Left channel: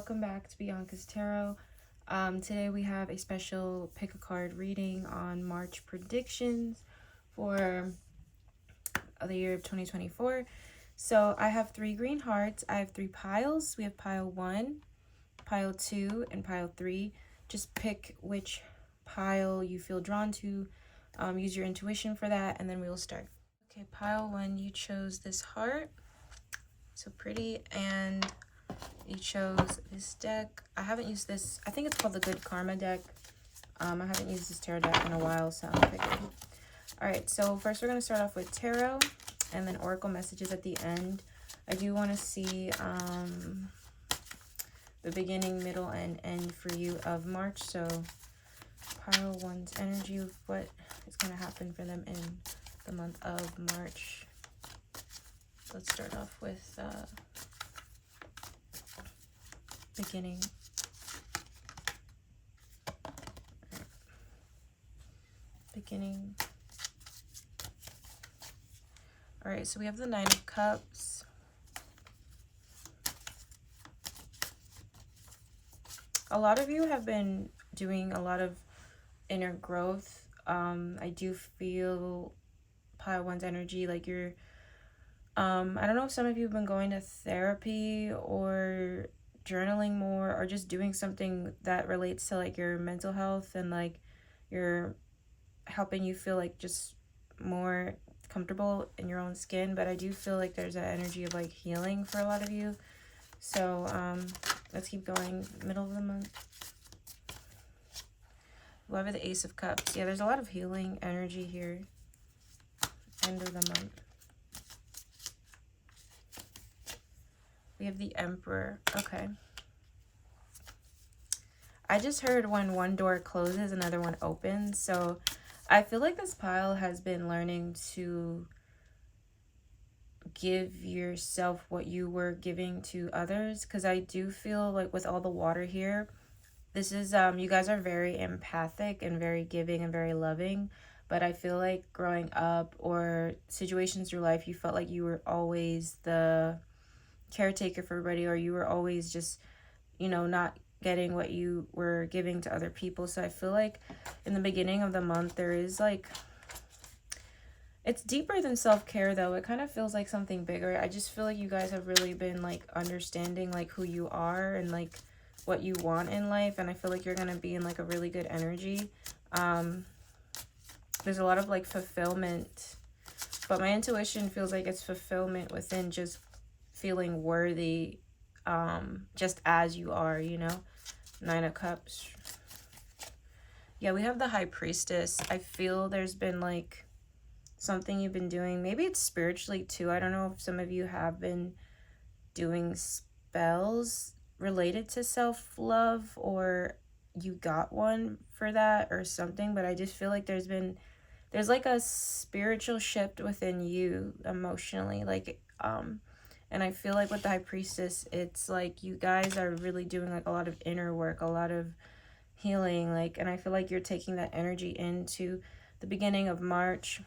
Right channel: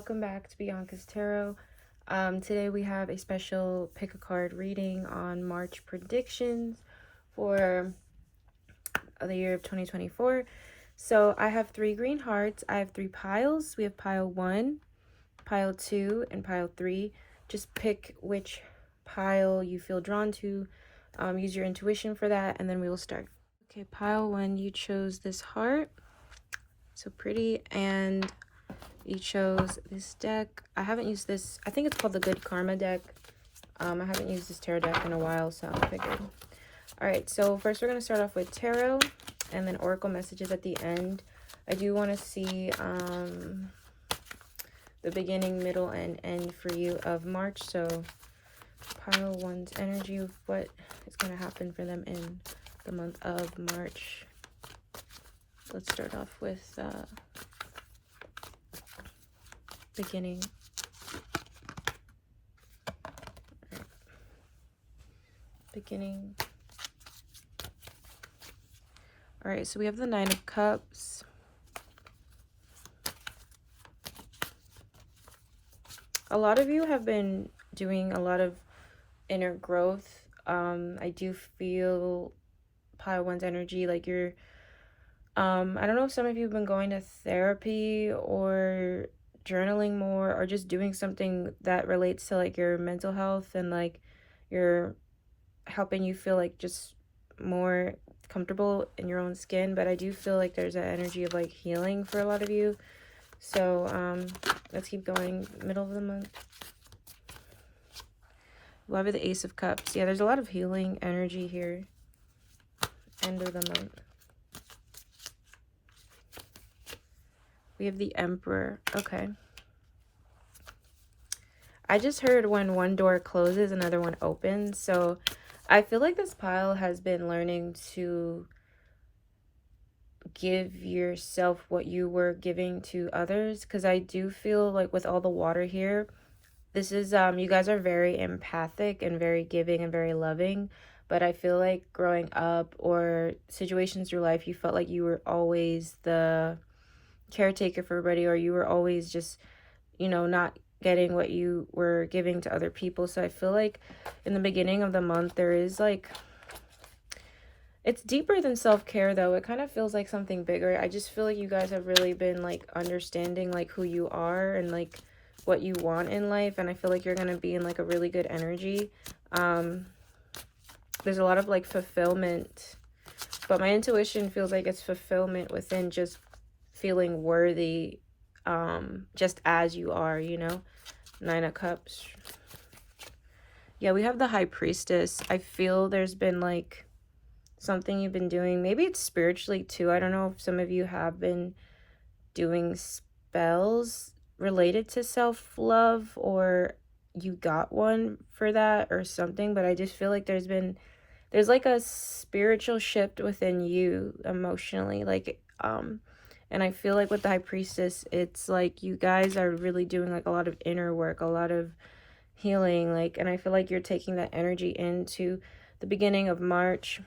welcome back to Bianca's Tarot. Today we have a special pick a card reading on March predictions for the year of 2024. So I have 3 green hearts. I have 3 piles. We have pile 1, pile 2, and pile 3. Just pick which pile you feel drawn to. Use your intuition for that, and then we will start. Okay, pile 1, you chose this heart. So pretty, and you chose this deck. I haven't used this. I think it's called the Good Karma deck. I haven't used this tarot deck in a while, so I figured. All right, so first we're going to start off with tarot and then oracle messages at the end. I do want to see the beginning, middle, and end for you of March. So pile 1's energy of what is going to happen for them in the month of March. Let's start off with beginning. Right. Beginning. All right, so we have the 9 of Cups. A lot of you have been doing a lot of inner growth. I do feel pile 1's energy like you're I don't know if some of you have been going to therapy or journaling more or just doing something that relates to like your mental health and like you're helping you feel like just more comfortable in your own skin. But I do feel like there's an energy of like healing for a lot of you. So let's keep going. Middle of the month. Love the Ace of Cups. Yeah, there's a lot of healing energy here. End of the month. We have the Emperor. Okay. I just heard when one door closes, another one opens. So I feel like this pile has been learning to give yourself what you were giving to others. Because I do feel like with all the water here, this is, you guys are very empathic and very giving and very loving. But I feel like growing up or situations in your life, you felt like you were always the caretaker for everybody, or you were always just, you know, not getting what you were giving to other people. So I feel like in the beginning of the month there is like, it's deeper than self-care though. It kind of feels like something bigger. I just feel like you guys have really been like understanding like who you are and like what you want in life, and I feel like you're gonna be in like a really good energy. There's a lot of like fulfillment, but my intuition feels like it's fulfillment within just feeling worthy, just as you are, you know. 9 of Cups. Yeah, we have the High Priestess. I feel there's been like something you've been doing. Maybe it's spiritually too. I don't know if some of you have been doing spells related to self-love or you got one for that or something, but I just feel like there's like a spiritual shift within you emotionally, like and I feel like with the High Priestess, it's like you guys are really doing like a lot of inner work, a lot of healing, like, and I feel like you're taking that energy into the beginning of March.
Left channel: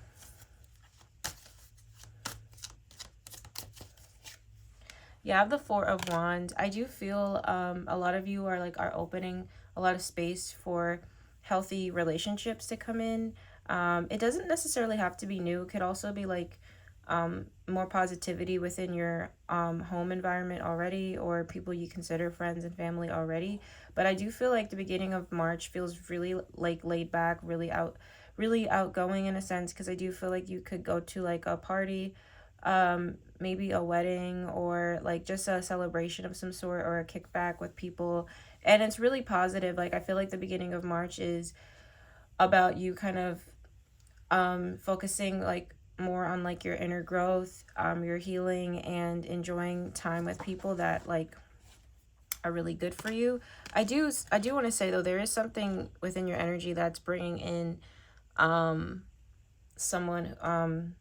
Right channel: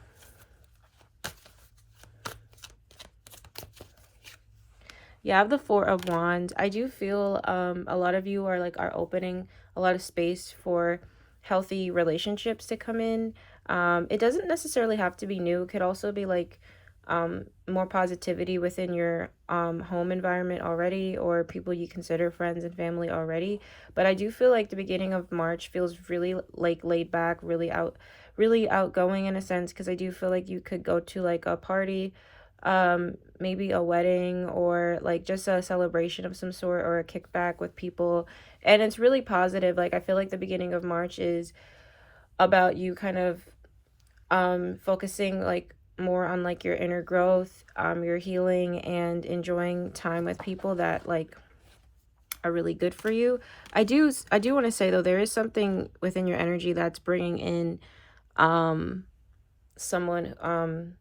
You have the 4 of Wands. I do feel a lot of you are opening a lot of space for healthy relationships to come in. It doesn't necessarily have to be new. It could also be like more positivity within your home environment already, or people you consider friends and family already. But I do feel like the beginning of March feels really like laid back, really outgoing in a sense, because I do feel like you could go to like a party, maybe a wedding, or like just a celebration of some sort, or a kickback with people, and it's really positive. Like I feel like the beginning of March is about you kind of focusing like more on like your inner growth, your healing, and enjoying time with people that like are really good for you. I do want to say though, there is something within your energy that's bringing in someone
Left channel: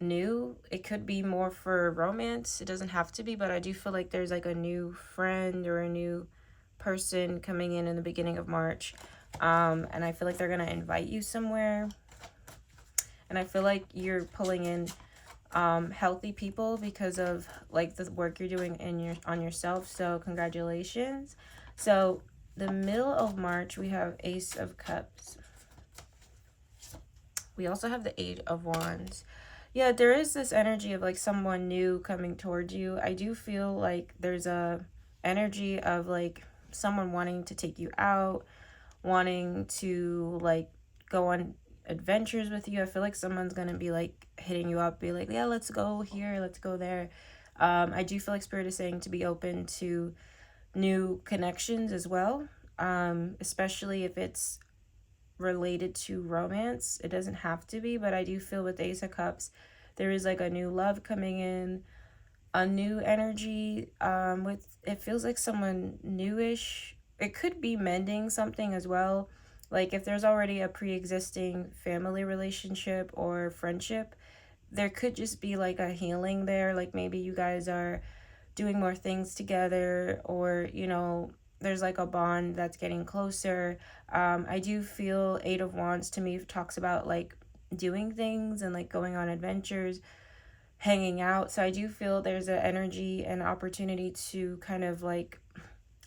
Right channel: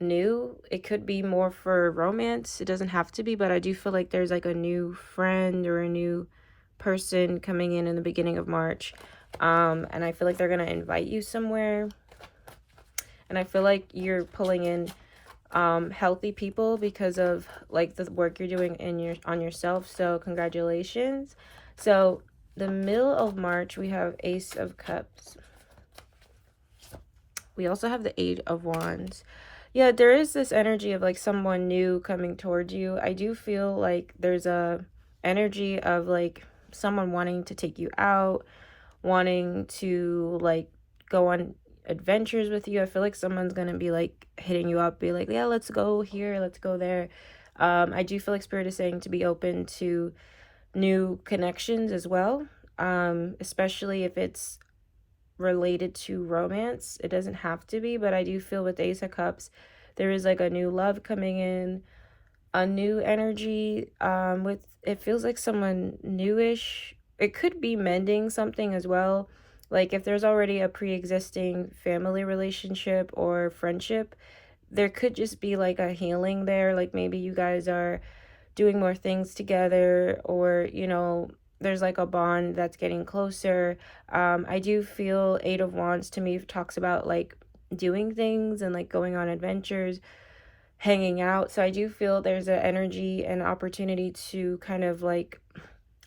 new. It could be more for romance, it doesn't have to be, but I do feel like there's like a new friend or a new person coming in the beginning of March, and I feel like they're gonna invite you somewhere. And I feel like you're pulling in healthy people because of like the work you're doing in your on yourself. So congratulations. So the middle of March, we have Ace of Cups. We also have the Eight of Wands. Yeah, there is this energy of like someone new coming towards you. I do feel like there's a energy of like someone wanting to take you out, wanting to like go on adventures with you. I feel like someone's gonna be like hitting you up, be like, yeah, let's go here, let's go there. I do feel like Spirit is saying to be open to new connections as well, especially if it's related to romance. It doesn't have to be, but I do feel with the Ace of Cups, there is like a new love coming in, a new energy. With it feels like someone newish. It could be mending something as well. Like if there's already a pre-existing family relationship or friendship, there could just be like a healing there. Like maybe you guys are doing more things together, or there's like a bond that's getting closer. I do feel Eight of Wands to me talks about like doing things and like going on adventures, hanging out. So I do feel there's an energy and opportunity to kind of like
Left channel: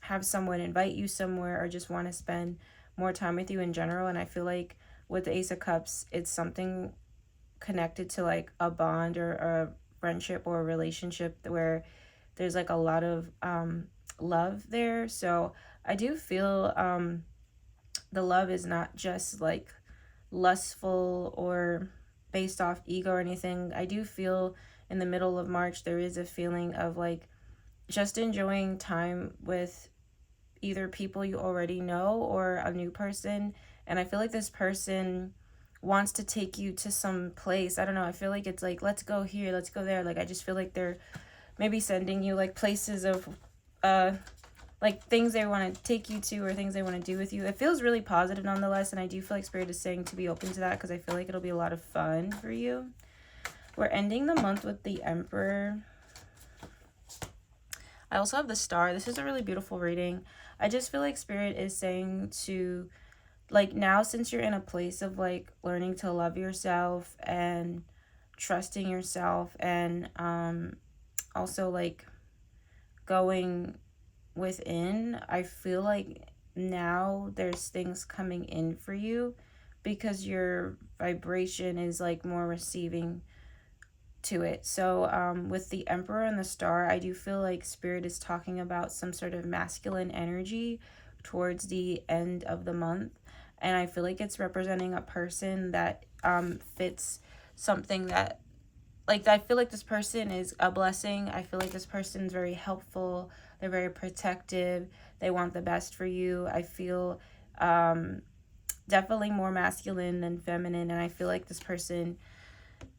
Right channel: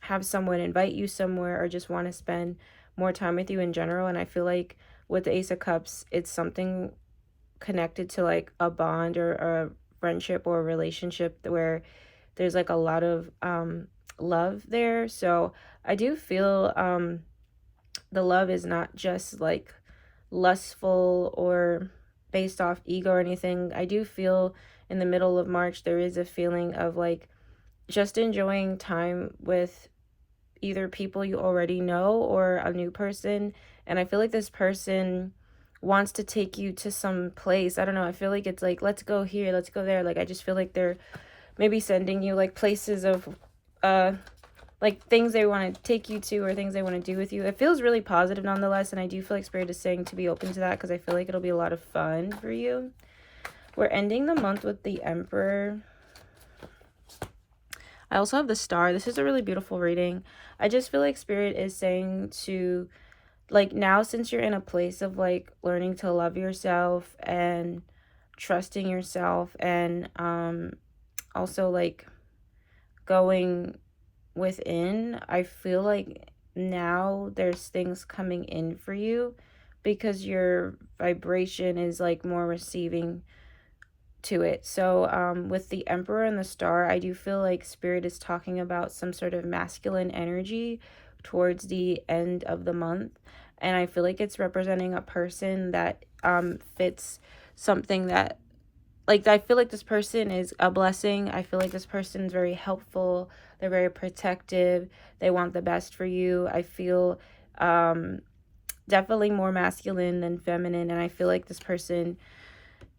have someone invite you somewhere or just want to spend more time with you in general. And I feel like with the Ace of Cups, it's something connected to like a bond or a friendship or a relationship where there's like a lot of love there. So I do feel the love is not just like lustful or based off ego or anything. I do feel in the middle of March there is a feeling of like just enjoying time with either people you already know or a new person. And I feel like this person wants to take you to some place. I don't know. I feel like it's like, let's go here, let's go there. Like I just feel like they're maybe sending you like places of like things they want to take you to or things they want to do with you. It feels really positive nonetheless, and I do feel like Spirit is saying to be open to that because I feel like it'll be a lot of fun for you. We're ending the month with the Emperor. I also have the Star. This is a really beautiful reading. I just feel like Spirit is saying to like now, since you're in a place of like learning to love yourself and trusting yourself, and also like going within, I feel like now there's things coming in for you because your vibration is like more receiving to it. So with the Emperor and the Star, I do feel like Spirit is talking about some sort of masculine energy towards the end of the month, and I feel like it's representing a person that fits something that like I feel like this person is a blessing. I feel like this person's very helpful. They're very protective. They want the best for you. I feel definitely more masculine than feminine, and I feel like this person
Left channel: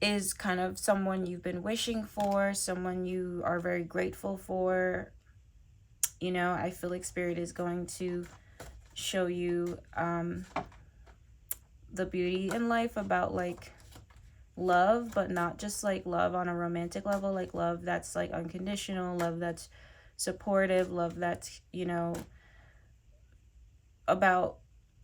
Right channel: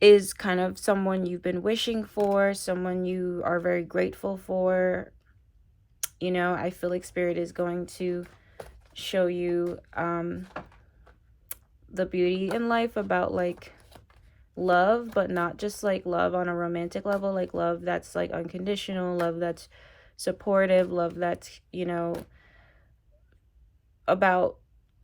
is kind of someone you've been wishing for, someone you are very grateful for. I feel like Spirit is going to show you the beauty in life about like love, but not just like love on a romantic level, like love that's like unconditional, love that's supportive, love that's about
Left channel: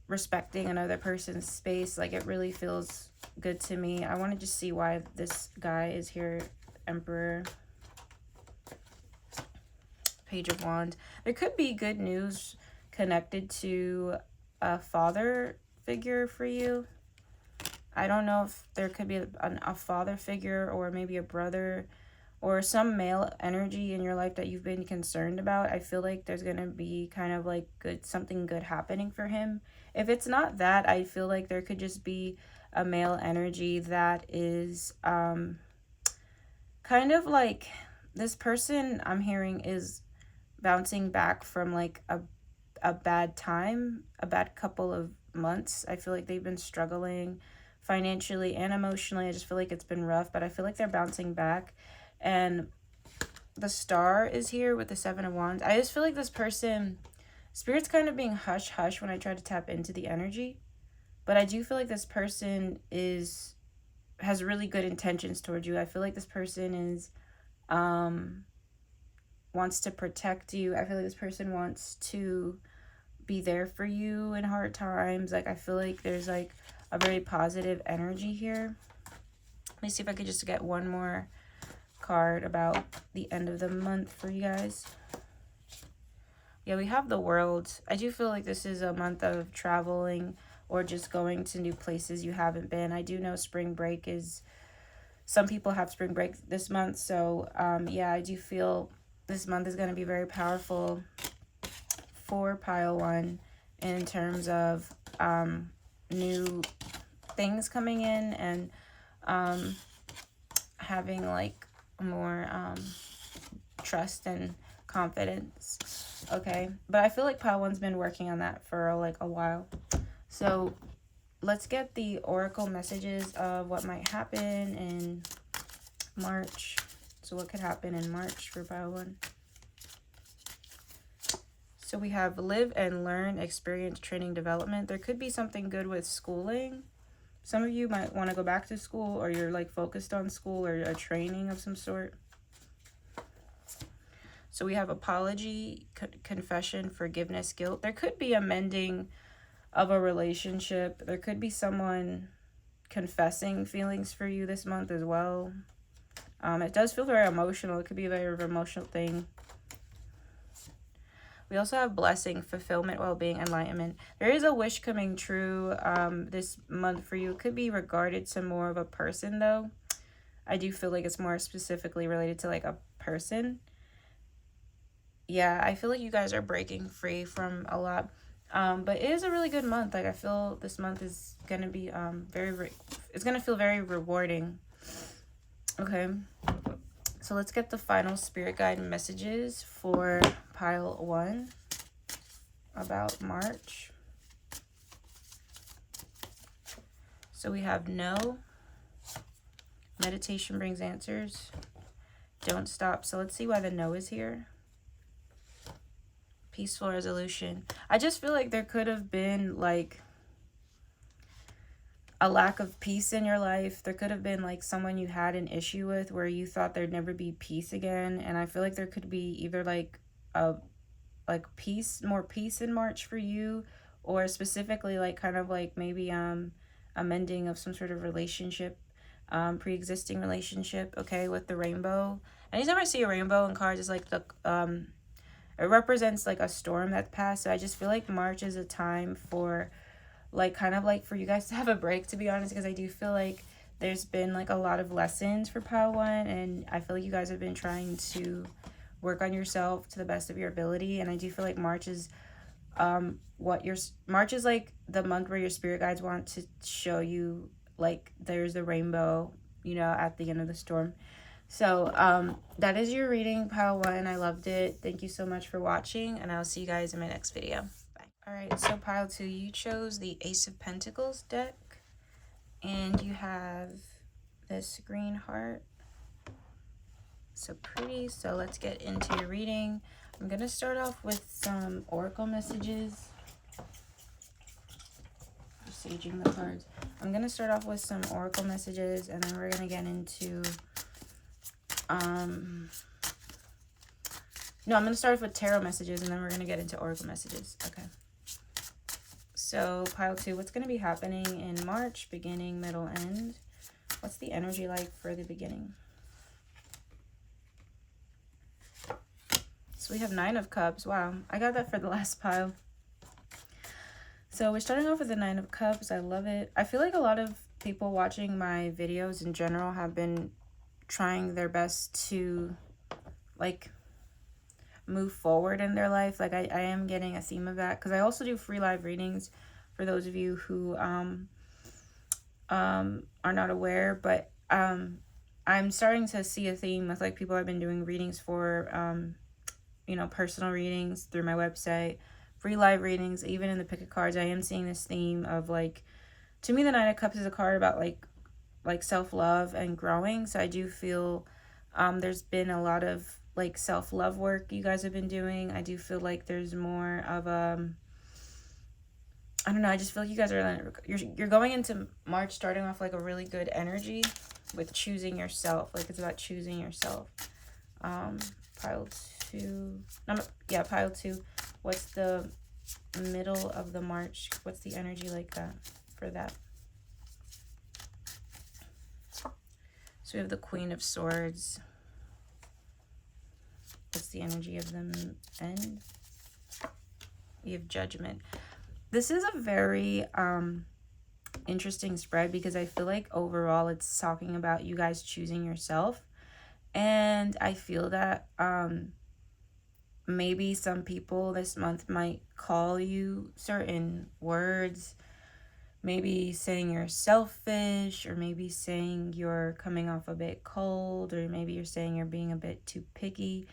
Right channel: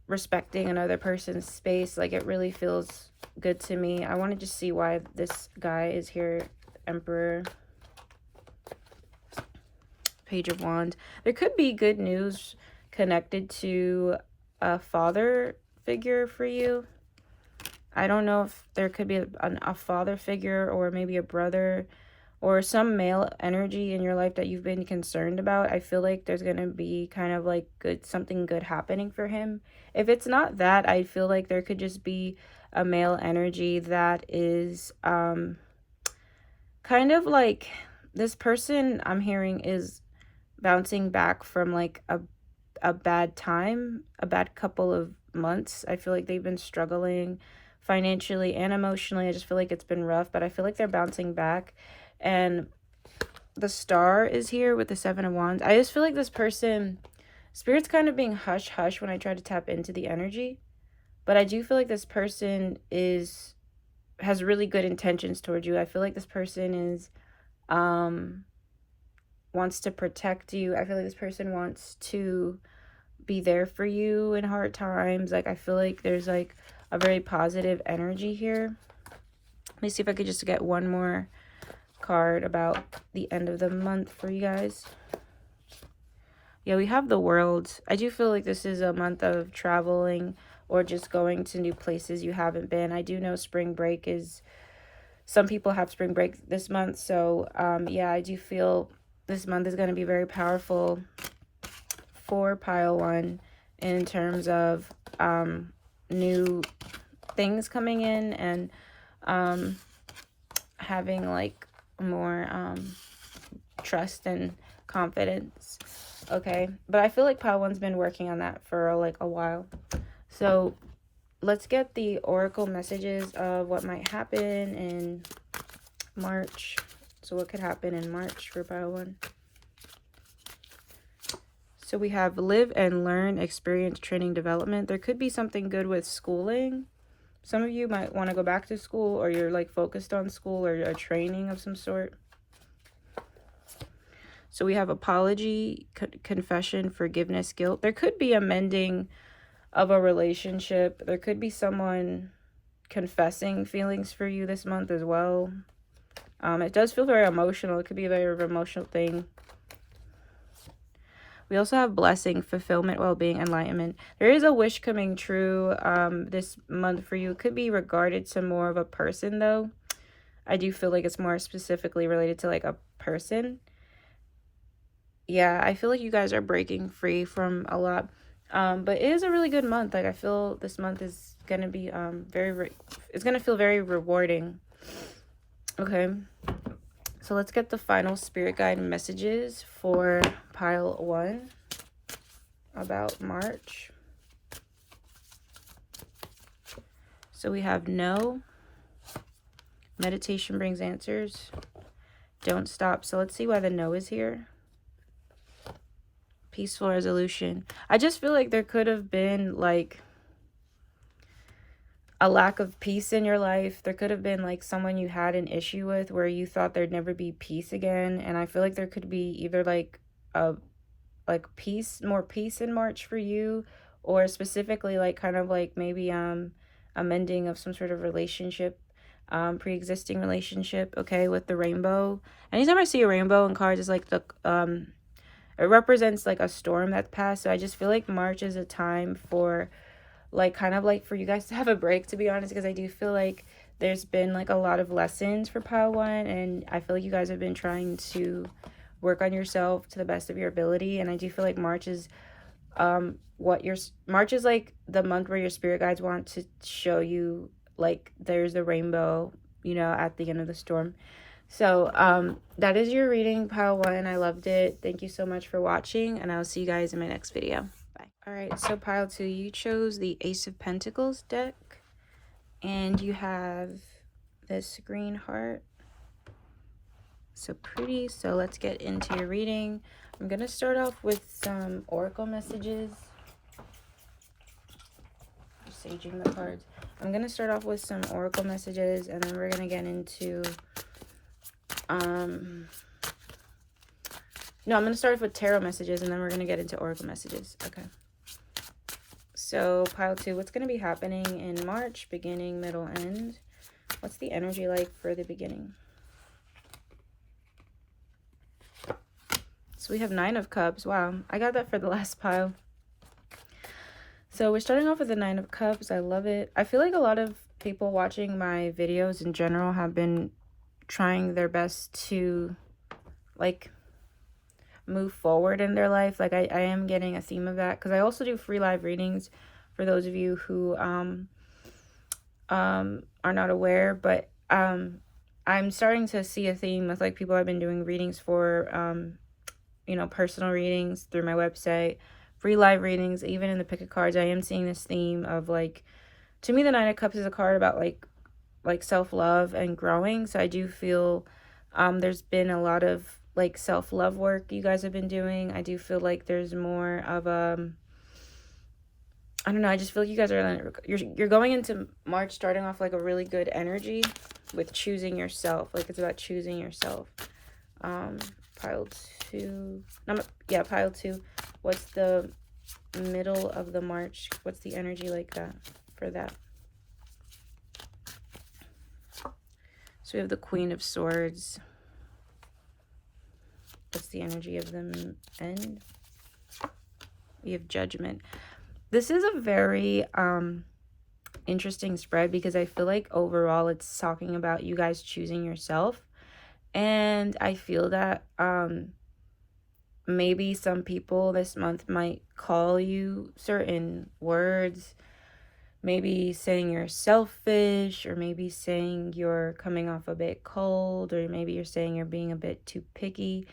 respecting another person's space. Like it really feels good to me. I want to just see why this guy is here. Emperor, Page of Wands. There could be good news connected to a father figure for you. I don't know if there could be a father figure or maybe a brother or some male energy in your life that you've been concerned about. I feel like there's going to be kind of like something good happening for him. If it's not that, I feel like there could just be a male energy that is kind of like this person I'm hearing is bouncing back from like a bad time, a bad couple of months. I feel like they've been struggling financially and emotionally. I just feel like it's been rough, but I feel like they're bouncing back. And the Star is here with the Seven of Wands. I just feel like this person, Spirit's kind of being hush hush when I try to tap into the energy, but I do feel like this person has really good intentions towards you. I feel like this person is wants to protect you. I feel like this person wants to be there for you in hard times. Like I feel like there's like a very positive energy here. Let me see if I could just get one more card about the end of the month for you guys. Yeah, we have the World. I do feel like this is a month of traveling or just going to new places you haven't been. I do know spring break is, some people have spring break this month. So yeah, I do feel this month is going to be very powerful for pile one in terms of new things coming in and having like more trust and confidence. Okay, but I feel like pile one's been working on that for like a while. So let's get the oracle messages of what might happen in March. So what could happen in March for pile one? So we have live and learn, experience, training, development. There could be something good with schooling. Some of you might want to go back to school, or you're like focused on school or a training of some sort. So we have apology, confession, forgiveness, guilt. There could be a mending of a relationship. There could be someone confessing feelings for you this month as well. It does feel very emotional. It could be a very emotional thing. We also have blessing, fulfillment, well-being, enlightenment. There is a wish coming true this month for you. It could be regarded to more of a person, though. I do feel like it's more specifically related to like a person. Yeah, I feel like you guys are breaking free from a lot. But it is a really good month. Like I feel this month is gonna be it's gonna feel very rewarding. Okay, so let's get the final spirit guide messages for pile one about March. So we have no, meditation brings answers, don't stop. So let's see why the no is here. Peaceful resolution. I just feel like there could have been like a lack of peace in your life. There could have been like someone you had an issue with where you thought there'd never be peace again. And I feel like there could be either like a more peace in March for you, or specifically like kind of like maybe a mending of some sort of relationship, pre-existing relationship. Okay, with the rainbow. Anytime I see a rainbow in cards, it's like the it represents like a storm that passed. So I just feel like March is a time for like kind of like for you guys to have a break, to be honest, because I do feel like there's been like a lot of lessons for pile one, and I feel like you guys have been trying to work on yourself to the best of your ability. And I do feel like March is March is like the month where your spirit guides want to show you like there's the rainbow, you know, at the end of the storm. So that is your reading, pile one. I loved it. Thank you so much for watching, and I'll see you guys in my next video. Bye. All right, so pile two, you chose the Ace of Pentacles deck, and you have this green heart. So pretty. So let's get into your reading. I'm gonna start off with some oracle messages. Just saging the cards. I'm gonna start off with some oracle messages, and then we're gonna get into no, I'm going to start off with tarot messages, and then we're going to get into oracle messages. Okay. So, pile two, what's going to be happening in March, beginning, middle, end? What's the energy like for the beginning? So, we have 9 of Cups. Wow, I got that for the last pile. So, we're starting off with the 9 of Cups. I love it. I feel like a lot of people watching my videos in general have been trying their best to like move forward in their life. Like I am getting a theme of that, because I also do free live readings for those of you who are not aware. But I'm starting to see a theme with like people I've been doing readings for, you know, personal readings through my website, free live readings, even in the pick of cards. I am seeing this theme of like, to me the 9 of Cups is a card about like self-love and growing. So I do feel there's been a lot of like self-love work you guys have been doing. I do feel like there's more of I don't know, I just feel like you guys are you're going into March starting off like a really good energy with choosing yourself. Like it's about choosing yourself. Pile two, yeah, pile two. What's the middle of the March? What's the energy like that for that? So we have the Queen of Swords. What's the energy of the end? We have Judgment. This is a very interesting spread because I feel like overall it's talking about you guys choosing yourself. And I feel that maybe some people this month might call you certain words, maybe saying you're selfish, or maybe saying you're coming off a bit cold, or maybe you're saying you're being a bit too picky.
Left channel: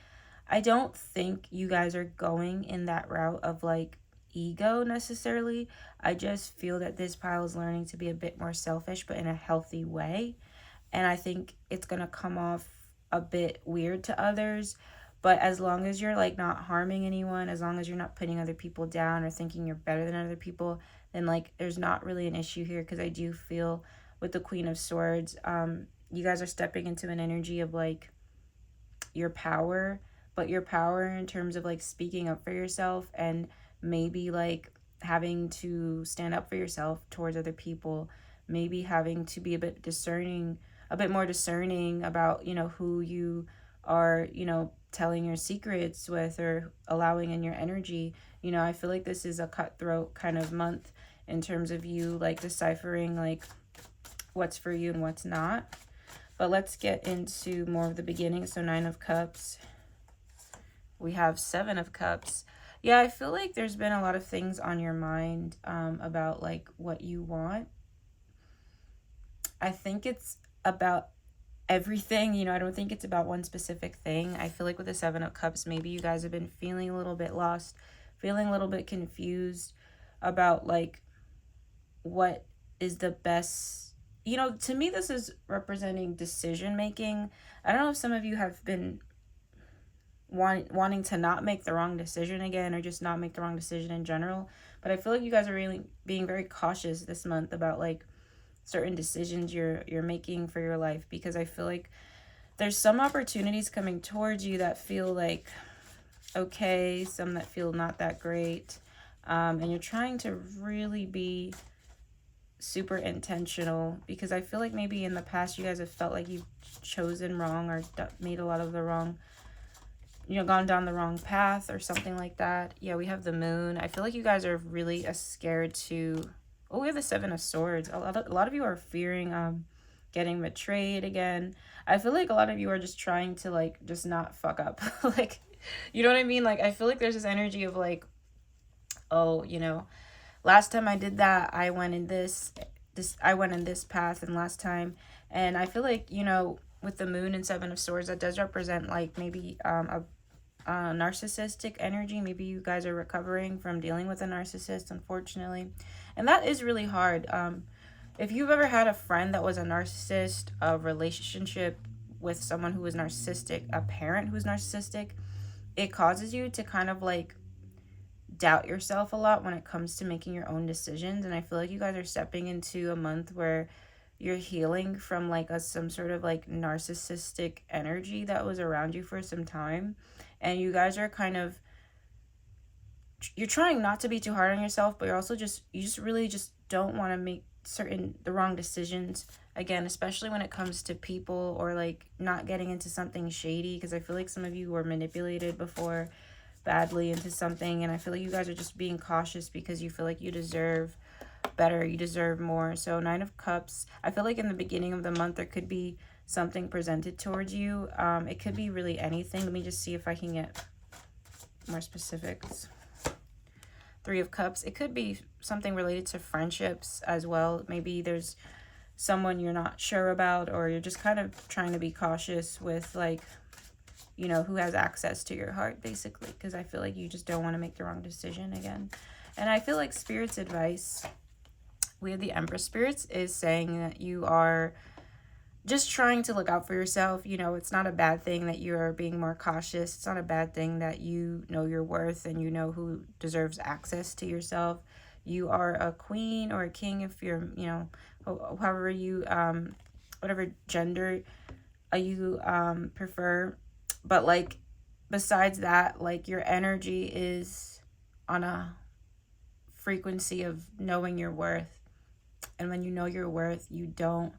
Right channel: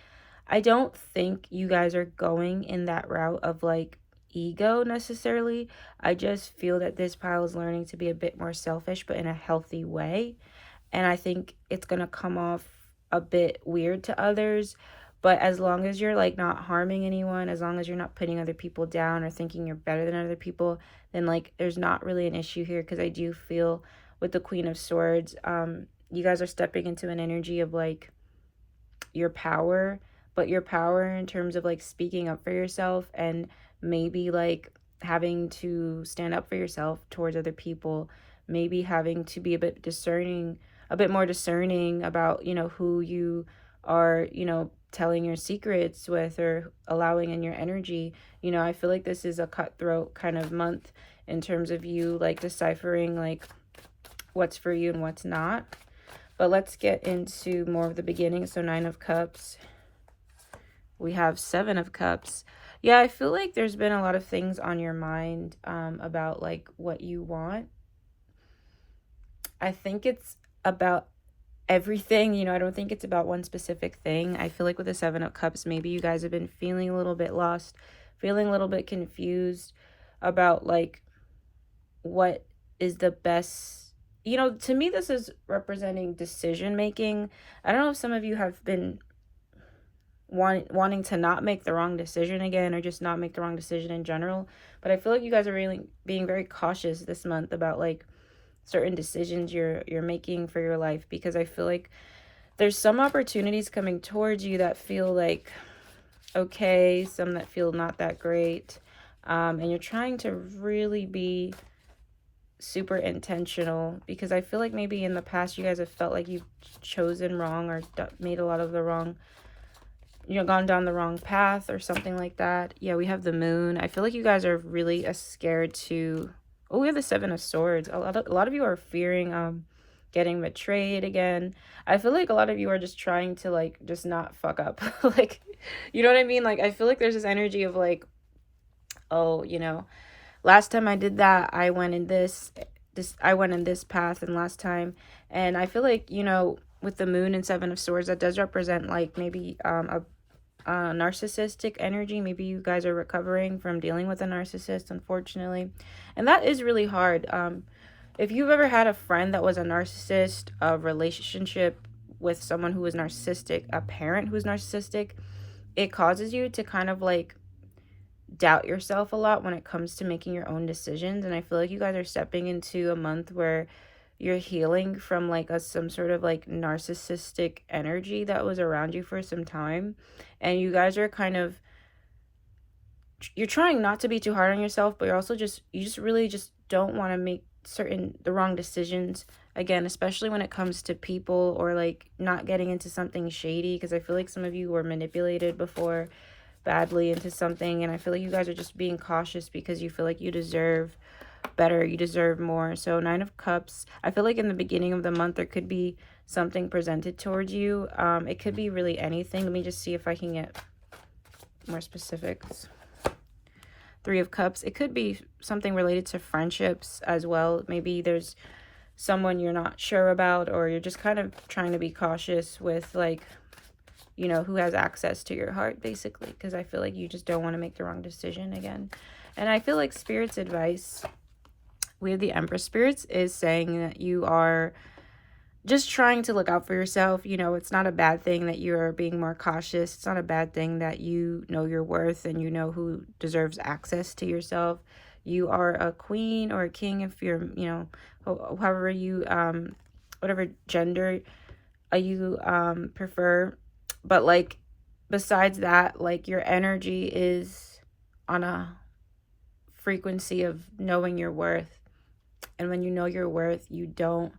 I don't think you guys are going in that route of like ego necessarily. I just feel that this pile is learning to be a bit more selfish, but in a healthy way. And I think it's going to come off a bit weird to others. But as long as you're like not harming anyone, as long as you're not putting other people down or thinking you're better than other people, then like there's not really an issue here. Because I do feel with the Queen of Swords, you guys are stepping into an energy of like your power, but your power in terms of like speaking up for yourself and maybe like having to stand up for yourself towards other people, maybe having to be a bit discerning, a bit more discerning about, you know, who you are, you know, telling your secrets with or allowing in your energy. You know, I feel like this is a cutthroat kind of month in terms of you like deciphering like what's for you and what's not. But let's get into more of the beginning. So 9 of Cups. We have 7 of Cups. Yeah, I feel like there's been a lot of things on your mind about like what you want. I think it's about everything. You know, I don't think it's about one specific thing. I feel like with the 7 of Cups, maybe you guys have been feeling a little bit lost, feeling a little bit confused about like what is the best. You know, to me, this is representing decision making. I don't know if some of you have been wanting to not make the wrong decision again, or just not make the wrong decision in general. But I feel like you guys are really being very cautious this month about like certain decisions you're making for your life, because I feel like there's some opportunities coming towards you that feel like okay, some that feel not that great, and you're trying to really be super intentional, because I feel like maybe in the past you guys have felt like you've chosen wrong or made a lot of the wrong, you know, gone down the wrong path or something like that. Yeah, we have the Moon. I feel like you guys are really scared to, oh, we have the 7 of Swords. A lot of you are fearing getting betrayed again. I feel like a lot of you are just trying to like just not fuck up. Like, you know what I mean? Like, I feel like there's this energy of like, oh, you know, last time I did that, I went in this path, and last time. And I feel like, you know, with the Moon and 7 of Swords, that does represent like maybe a narcissistic energy. Maybe you guys are recovering from dealing with a narcissist, unfortunately, and that is really hard. If you've ever had a friend that was a narcissist, a relationship with someone who was narcissistic, a parent who was narcissistic, it causes you to kind of like doubt yourself a lot when it comes to making your own decisions. And I feel like you guys are stepping into a month where you're healing from like some sort of like narcissistic energy that was around you for some time. And you guys are kind of, you're trying not to be too hard on yourself, but you just really just don't want to make the wrong decisions again, especially when it comes to people, or like not getting into something shady, because I feel like some of you were manipulated before badly into something, and I feel like you guys are just being cautious because you feel like you deserve better, you deserve more. So 9 of Cups, I feel like in the beginning of the month there could be something presented towards you. It could be really anything. Let me just see if I can get more specifics. 3 of Cups, it could be something related to friendships as well. Maybe there's someone you're not sure about, or you're just kind of trying to be cautious with like, you know, who has access to your heart, basically, because I feel like you just don't want to make the wrong decision again. And I feel like Spirit's advice, we have the Empress. Spirits is saying that you are just trying to look out for yourself. You know, it's not a bad thing that you're being more cautious. It's not a bad thing that you know your worth and you know who deserves access to yourself. You are a queen or a king if you're, you know, however you, whatever gender you prefer. But like, besides that, like your energy is on a frequency of knowing your worth. And when you know your worth, you don't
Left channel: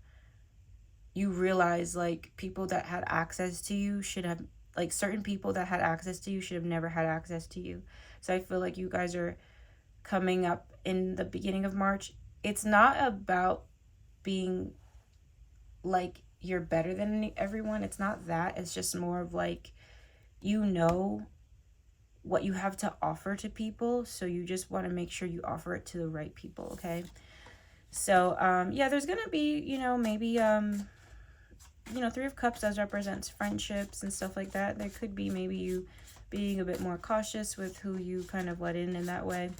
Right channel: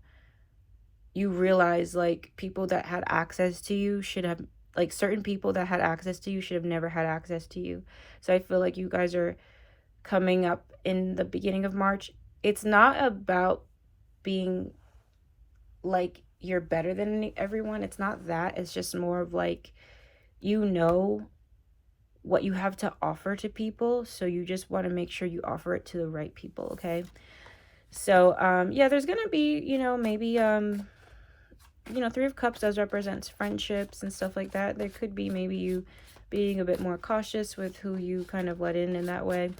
you realize like people that had access to you should have, like certain people that had access to you should have never had access to you. So I feel like you guys are coming up in the beginning of March. It's not about being like you're better than everyone. It's not that. It's just more of like, you know what you have to offer to people, so you just want to make sure you offer it to the right people, okay? So yeah, there's gonna be, maybe Three of Cups does represent friendships and stuff like that. There could be maybe you being a bit more cautious with who you kind of let in that way.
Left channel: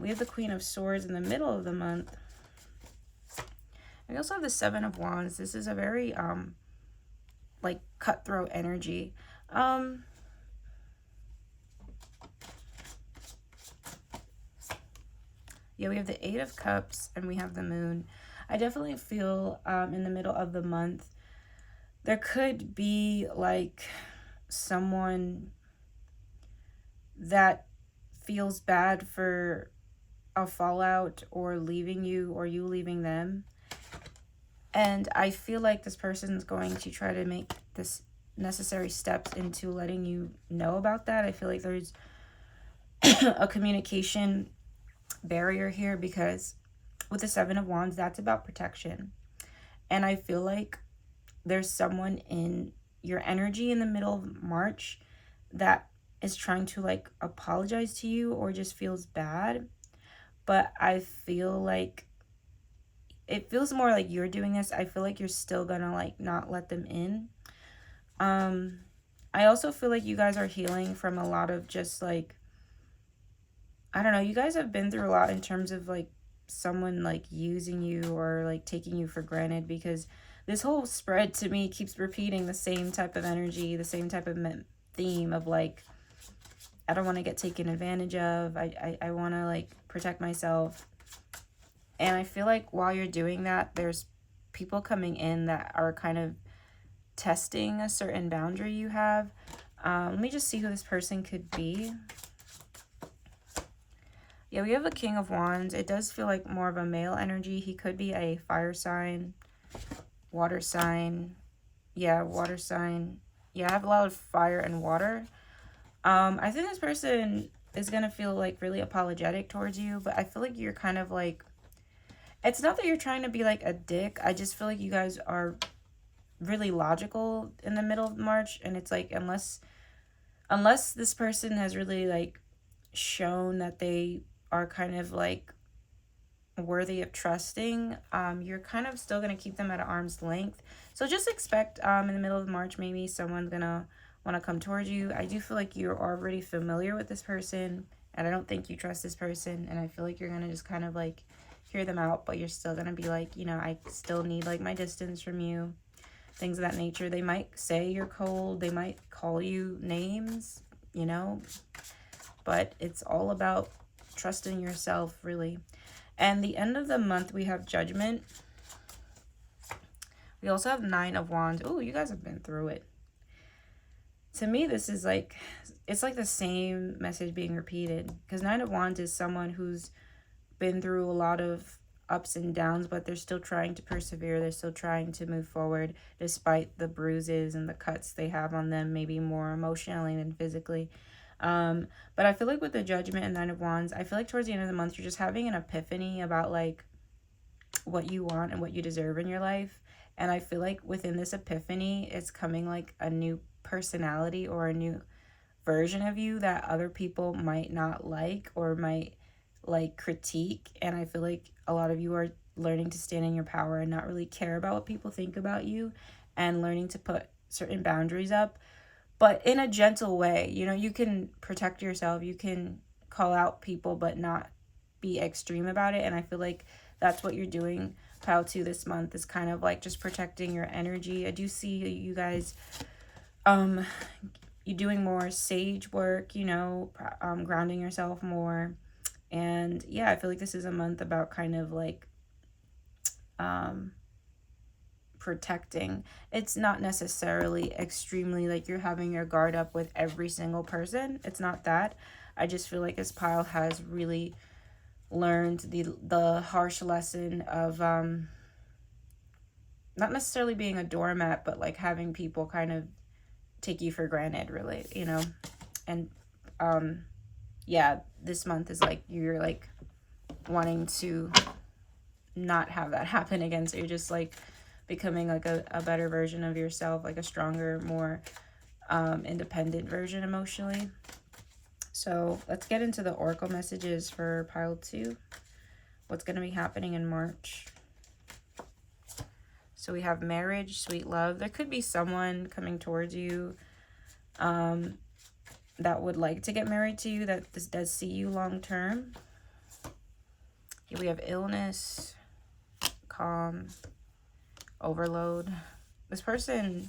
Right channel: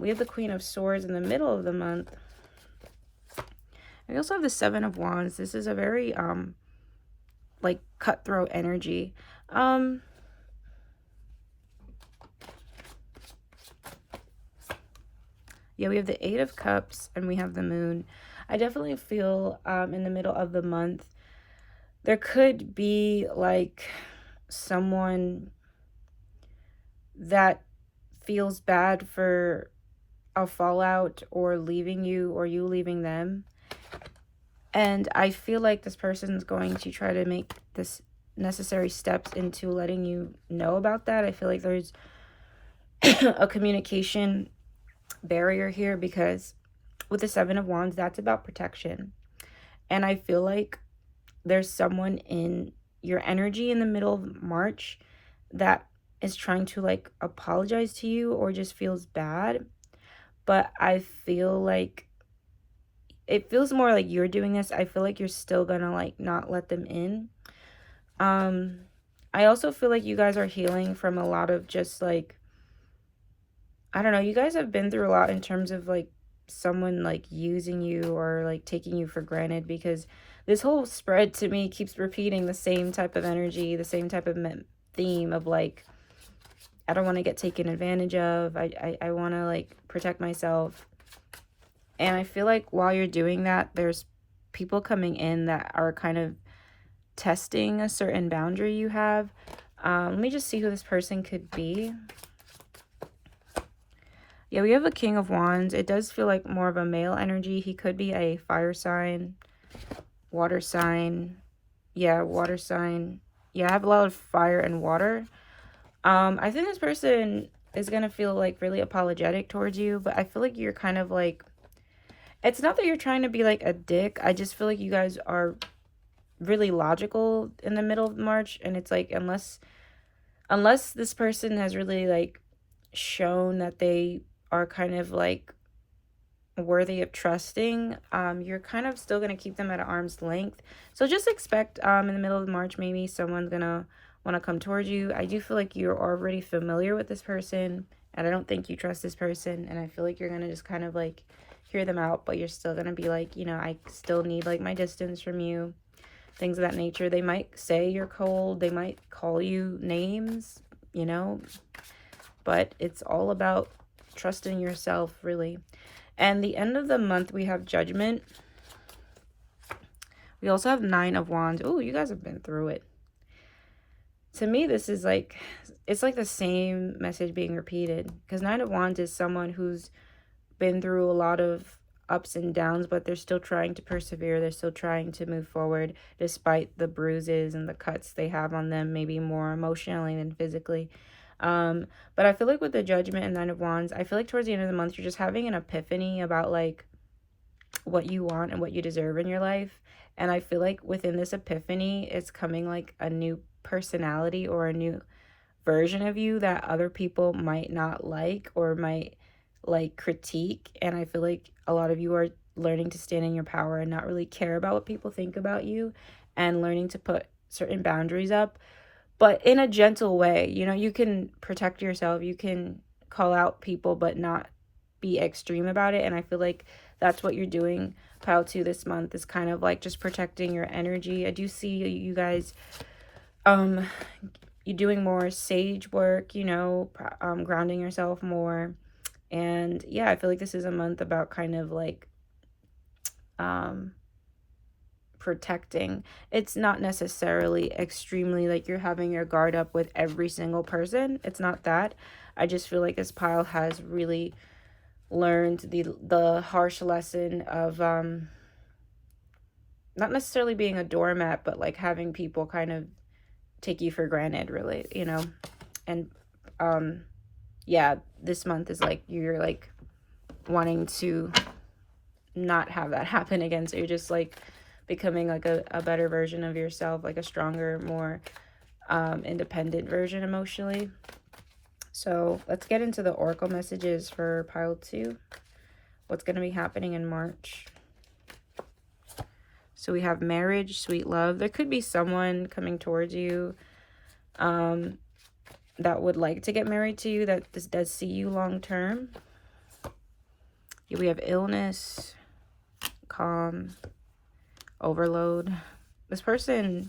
We have the Queen of Swords in the middle of the month. We also have the Seven of Wands. This is a very like cutthroat energy. Yeah, we have the Eight of Cups and we have the Moon. I definitely feel in the middle of the month there could be like someone that feels bad for a fallout or leaving you or you leaving them. And I feel like this person's going to try to make this necessary steps into letting you know about that. I feel like there's a communication barrier here, because with the Seven of Wands, that's about protection. And I feel like there's someone in your energy in the middle of March that is trying to like apologize to you or just feels bad. But I feel like it feels more like you're doing this. I feel like you're still gonna like not let them in. I also feel like you guys are healing from a lot of just like, I don't know, you guys have been through a lot in terms of like someone like using you or like taking you for granted, because this whole spread to me keeps repeating the same type of energy, the same type of theme of like, I don't want to get taken advantage of. I want to like protect myself. And I feel like while you're doing that, there's people coming in that are kind of testing a certain boundary you have. Let me just see who this person could be. Yeah, we have a King of Wands. It does feel like more of a male energy. He could be a fire sign, water sign. Yeah, water sign. Yeah, I have a lot of fire and water. I think this person is going to feel like really apologetic towards you, but I feel like you're kind of like, it's not that you're trying to be like a dick. I just feel like you guys are really logical in the middle of March, and it's like unless this person has really like shown that they are kind of like worthy of trusting, you're kind of still going to keep them at arm's length. So just expect in the middle of March maybe someone's going to want to come towards you. I do feel like you're already familiar with this person, and I don't think you trust this person, and I feel like you're going to just kind of like hear them out, but you're still going to be like, I still need like my distance from you, things of that nature. They might say you're cold, they might call you names, but it's all about trusting yourself, really. And the end of the month, we have Judgment. We also have Nine of Wands. Oh, you guys have been through it. To me, this is like, it's like the same message being repeated, because Nine of Wands is someone who's been through a lot of ups and downs, but they're still trying to persevere. They're still trying to move forward despite the bruises and the cuts they have on them, maybe more emotionally than physically. But I feel like with the Judgment and Nine of Wands, I feel like towards the end of the month, you're just having an epiphany about like what you want and what you deserve in your life. And I feel like within this epiphany, it's coming like a new personality or a new version of you that other people might not like or might like critique. And I feel like a lot of you are learning to stand in your power and not really care about what people think about you, and learning to put certain boundaries up, but in a gentle way. You can protect yourself, you can call out people, but not be extreme about it. And I feel like that's what you're doing, Pile 2, this month, is kind of like just protecting your energy. I do see you guys you doing more sage work, grounding yourself more. And yeah, I feel like this is a month about kind of like protecting. It's not necessarily extremely like you're having your guard up with every single person. It's not that. I just feel like this pile has really learned the harsh lesson of not not necessarily being a doormat, but like having people kind of take you for granted, really, you know. And yeah, this month is like you're like wanting to not have that happen again. So you're just like becoming like a better version of yourself, like a stronger, more independent version emotionally. So let's get into the oracle messages for pile 2. What's going to be happening in March? So we have marriage, sweet love. There could be someone coming towards you that would like to get married to you, that this does see you long term. Here we have illness, calm, overload. This person,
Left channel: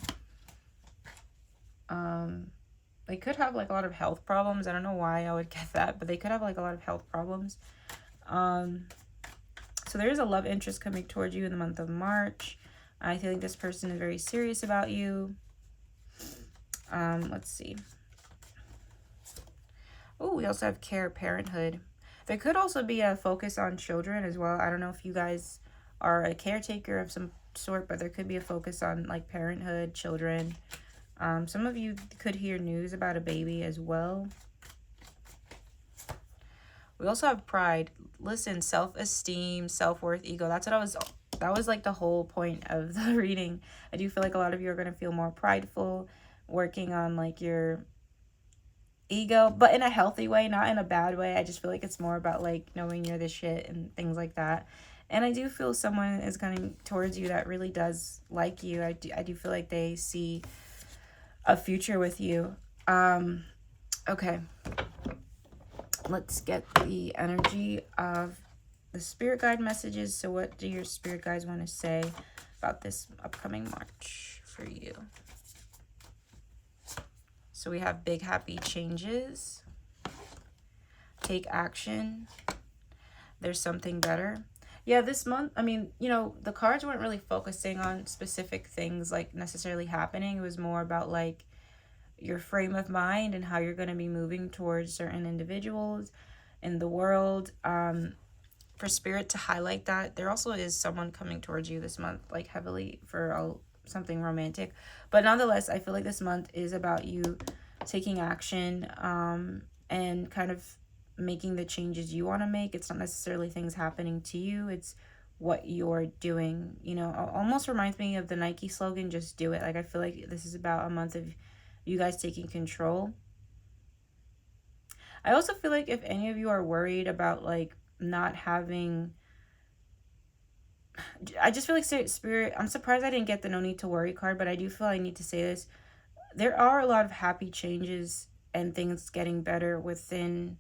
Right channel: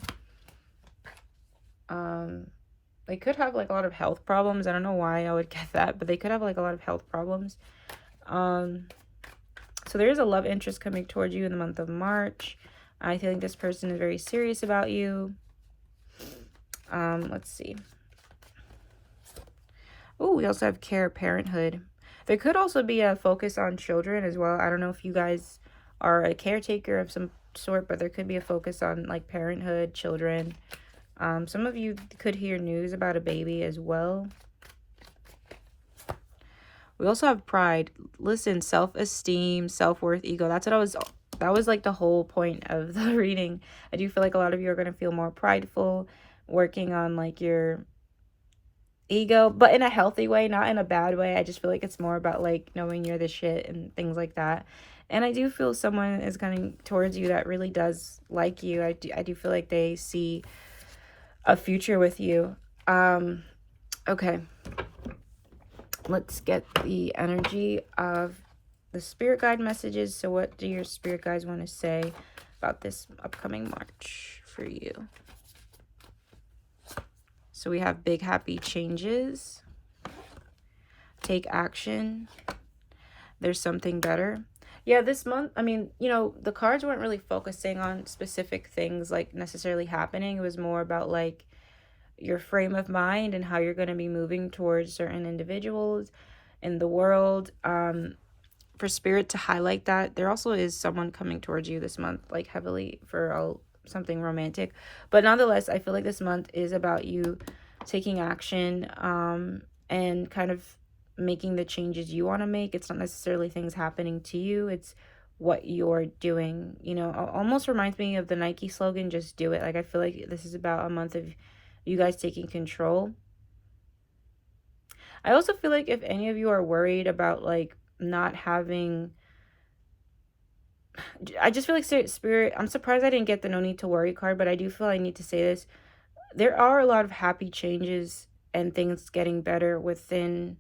they could have like a lot of health problems. I don't know why I would get that, but they could have like a lot of health problems. So there is a love interest coming towards you in the month of March. I think this person is very serious about you. Let's see. Oh, we also have care, parenthood. There could also be a focus on children as well. I don't know if you guys are a caretaker of some sort, but there could be a focus on like parenthood, children. Some of you could hear news about a baby as well. We also have pride. Listen, self-esteem, self-worth, ego. That was like the whole point of the reading. I do feel like a lot of you are going to feel more prideful, working on like your ego, but in a healthy way, not in a bad way. I just feel like it's more about like knowing you're the shit and things like that. And I do feel someone is coming towards you that really does like you. I do feel like they see a future with you. Okay. Let's get the energy of the spirit guide messages. So what do your spirit guides want to say about this upcoming March for you? So we have big happy changes. Take action. There's something better. Yeah, this month, I mean, you know, the cards weren't really focusing on specific things like necessarily happening. It was more about like your frame of mind and how you're going to be moving towards certain individuals in the world. For spirit to highlight that, there also is someone coming towards you this month, like heavily for something romantic. But nonetheless, I feel like this month is about you taking action and kind of making the changes you want to make. It's not necessarily things happening to you, it's what you're doing. You know, almost reminds me of the Nike slogan, just do it. Like, I feel like this is about a month of you guys taking control. I also feel like if any of you are worried about like not having, I just feel like spirit, I'm surprised I didn't get the no need to worry card, but I do feel I need to say this. There are a lot of happy changes and things getting better within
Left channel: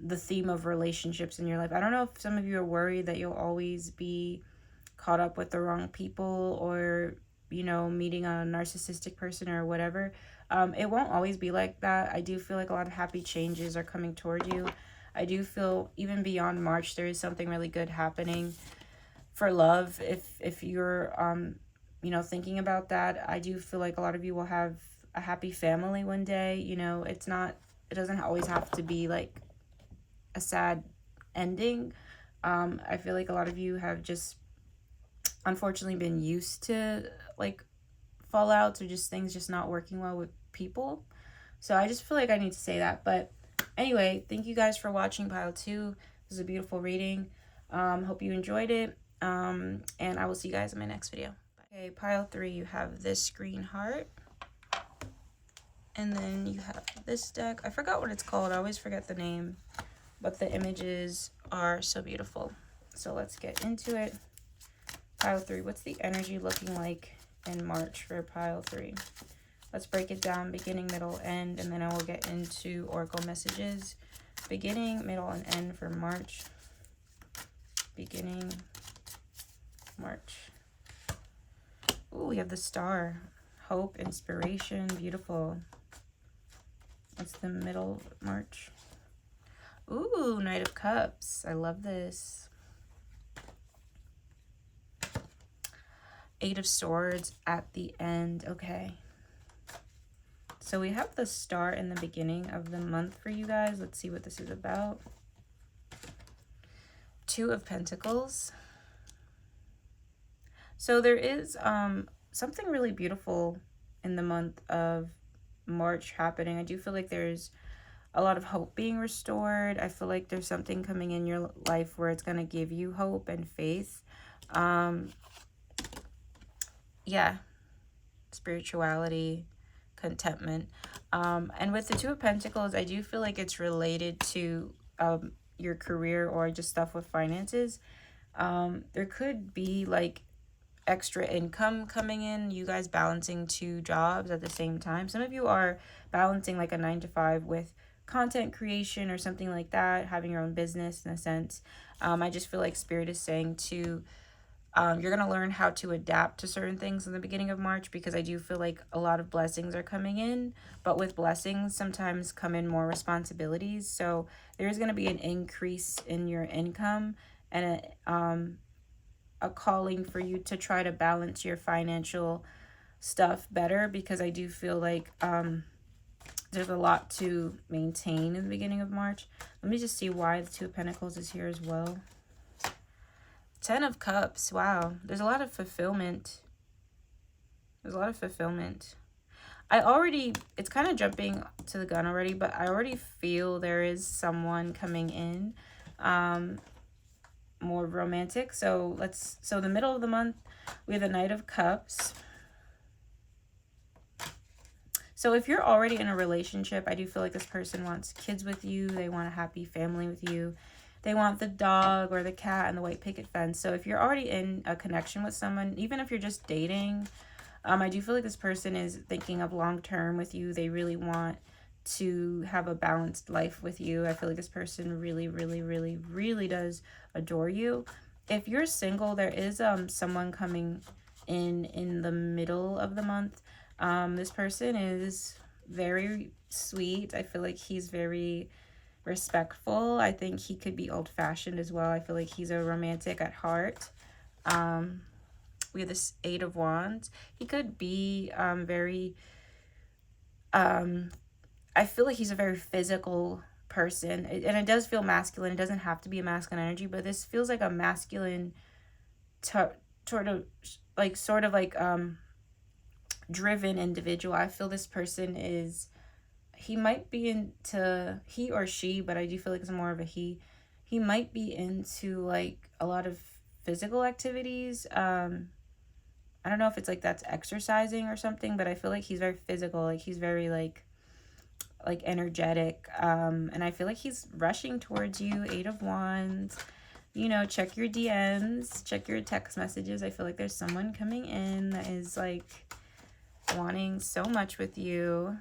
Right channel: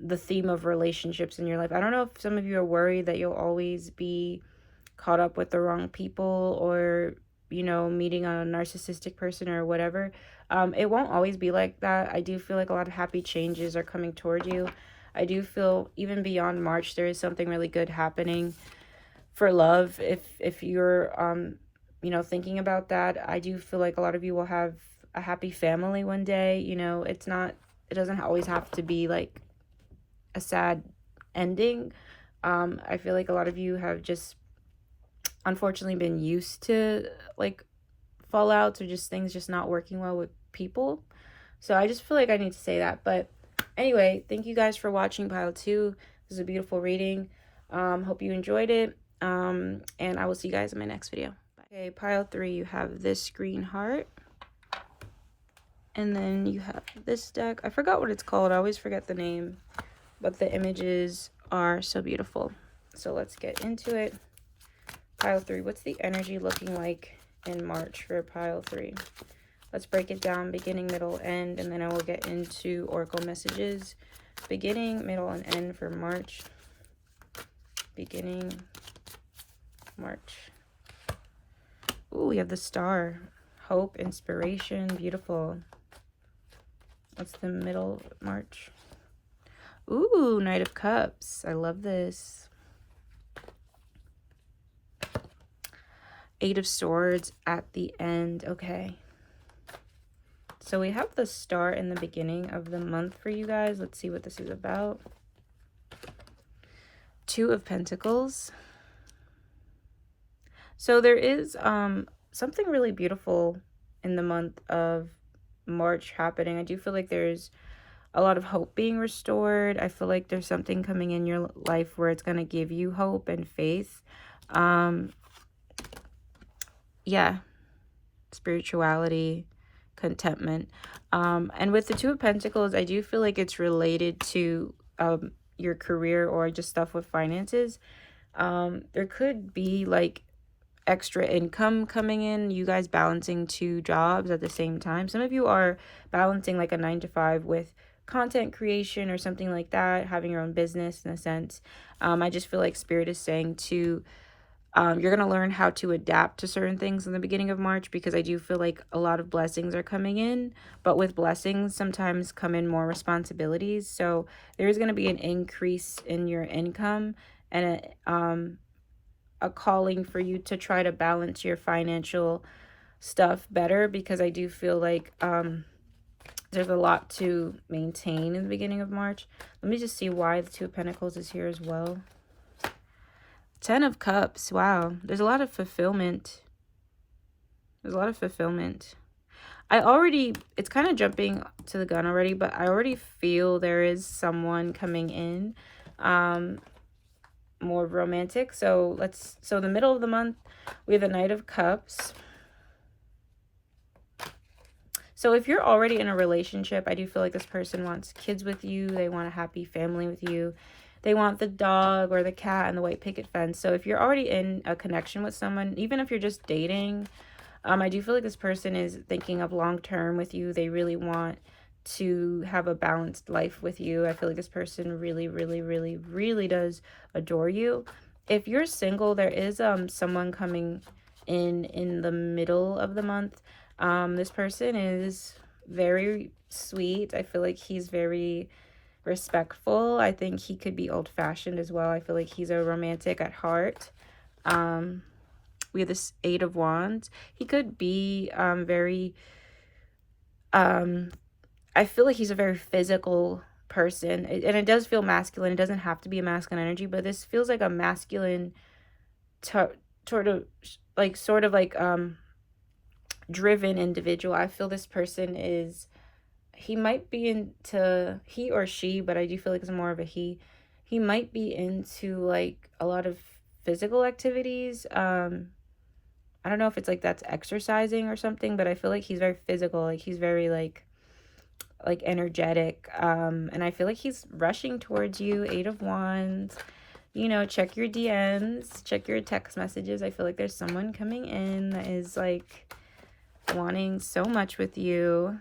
the theme of relationships in your life. I don't know if some of you are worried that you'll always be caught up with the wrong people, or, you know, meeting a narcissistic person or whatever. It won't always be like that. I do feel like a lot of happy changes are coming toward you. I do feel even beyond March, there is something really good happening for love. If you're, you know, thinking about that, I do feel like a lot of you will have a happy family one day. You know, it doesn't always have to be like a sad ending. I feel like a lot of you have just unfortunately been used to like fallouts or just things just not working well with people. So I just feel like I need to say that. But anyway, thank you guys for watching pile 2. It was a beautiful reading. Hope you enjoyed it. And I will see you guys in my next video. Okay, pile 3, you have this green heart. And then you have this deck. I forgot what it's called. I always forget the name. But the images are so beautiful. So let's get into it. Pile 3, what's the energy looking like in March for pile 3? Let's break it down, beginning, middle, end, and then I will get into oracle messages. Beginning, middle, and end for March. Beginning, March. Ooh, we have the star. Hope, inspiration, beautiful. What's the middle, March? Ooh, Knight of Cups. I love this. 8 of Swords at the end. Okay. So we have the star in the beginning of the month for you guys. Let's see what this is about. 2 of Pentacles. So there is something really beautiful in the month of March happening. I do feel like there's a lot of hope being restored. I feel like there's something coming in your life where it's going to give you hope and faith. Um, yeah, spirituality, contentment. And with the Two of Pentacles, I do feel like it's related to your career or just stuff with finances. There could be like extra income coming in, you guys balancing two jobs at the same time. Some of you are balancing like a 9 to 5 with content creation or something like that, having your own business in a sense. I just feel like Spirit is saying to you're going to learn how to adapt to certain things in the beginning of March, because I do feel like a lot of blessings are coming in, but with blessings sometimes come in more responsibilities. So there's going to be an increase in your income and a calling for you to try to balance your financial stuff better, because I do feel like there's a lot to maintain in the beginning of March. Let me just see why the Two of Pentacles is here as well. 10 of Cups. Wow. There's a lot of fulfillment. There's a lot of fulfillment. It's kind of jumping to the gun already, but I already feel there is someone coming in. More romantic. So the middle of the month, we have the Knight of Cups. So if you're already in a relationship, I do feel like this person wants kids with you. They want a happy family with you. They want the dog or the cat and the white picket fence. So if you're already in a connection with someone, even if you're just dating, I do feel like this person is thinking of long-term with you. They really want to have a balanced life with you. I feel like this person really, really, really, really does adore you. If you're single, there is someone coming in the middle of the month. This person is very sweet. I feel like he's very respectful. I think he could be old-fashioned as well. I feel like he's a romantic at heart. We have this 8 of Wands. He could be very I feel like he's a very physical person, and it does feel masculine. It doesn't have to be a masculine energy, but this feels like a masculine sort of like driven individual. I feel this person is, he might be into, he or she, but I do feel like it's more of a he might be into like a lot of physical activities. I don't know if it's like that's exercising or something, but I feel like he's very physical. Like he's very like energetic. And I feel like he's rushing towards you. 8 of Wands. You know, check your DMs, check your text messages. I feel like there's someone coming in that is like wanting so much with you.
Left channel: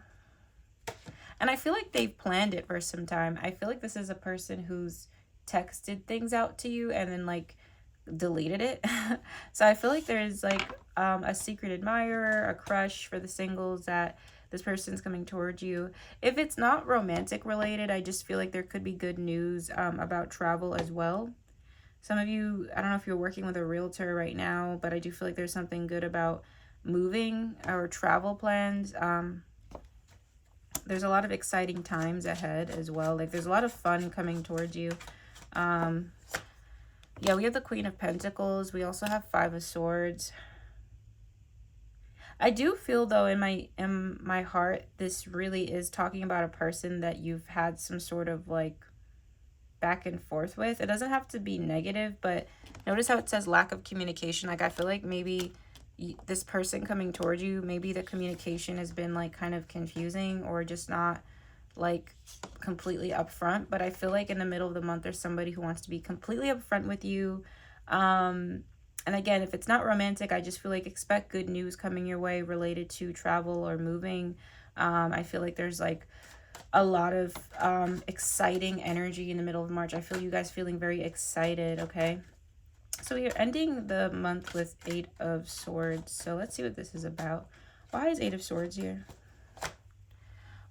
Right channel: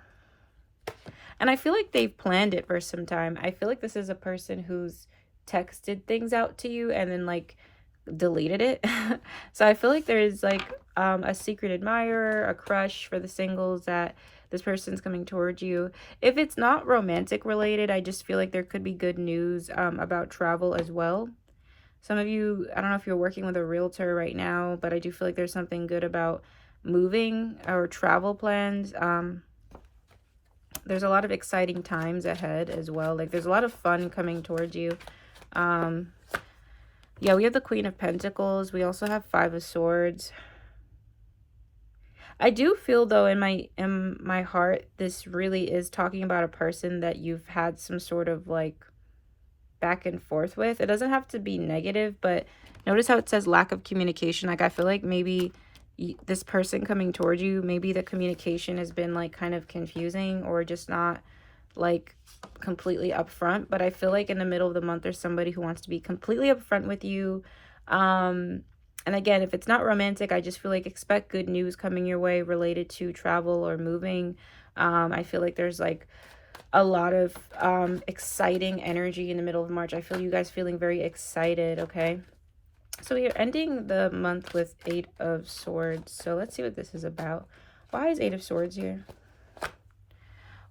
And I feel like they've planned it for some time. I feel like this is a person who's texted things out to you and then like deleted it. So I feel like there's like a secret admirer, a crush for the singles, that this person's coming towards you. If it's not romantic related, I just feel like there could be good news about travel as well. Some of you, I don't know if you're working with a realtor right now, but I do feel like there's something good about moving or travel plans. There's a lot of exciting times ahead as well. Like there's a lot of fun coming towards you. Yeah, we have the Queen of Pentacles. We also have 5 of Swords. I do feel though in my heart, this really is talking about a person that you've had some sort of like back and forth with. It doesn't have to be negative, but notice how it says lack of communication. Like I feel like maybe this person coming towards you, maybe the communication has been like kind of confusing or just not like completely upfront. But I feel like in the middle of the month there's somebody who wants to be completely upfront with you. And again, if it's not romantic, I just feel like expect good news coming your way related to travel or moving. I feel like there's like a lot of exciting energy in the middle of March. I feel you guys feeling very excited, okay? So we are ending the month with 8 of Swords. So let's see what this is about. Why is 8 of Swords here?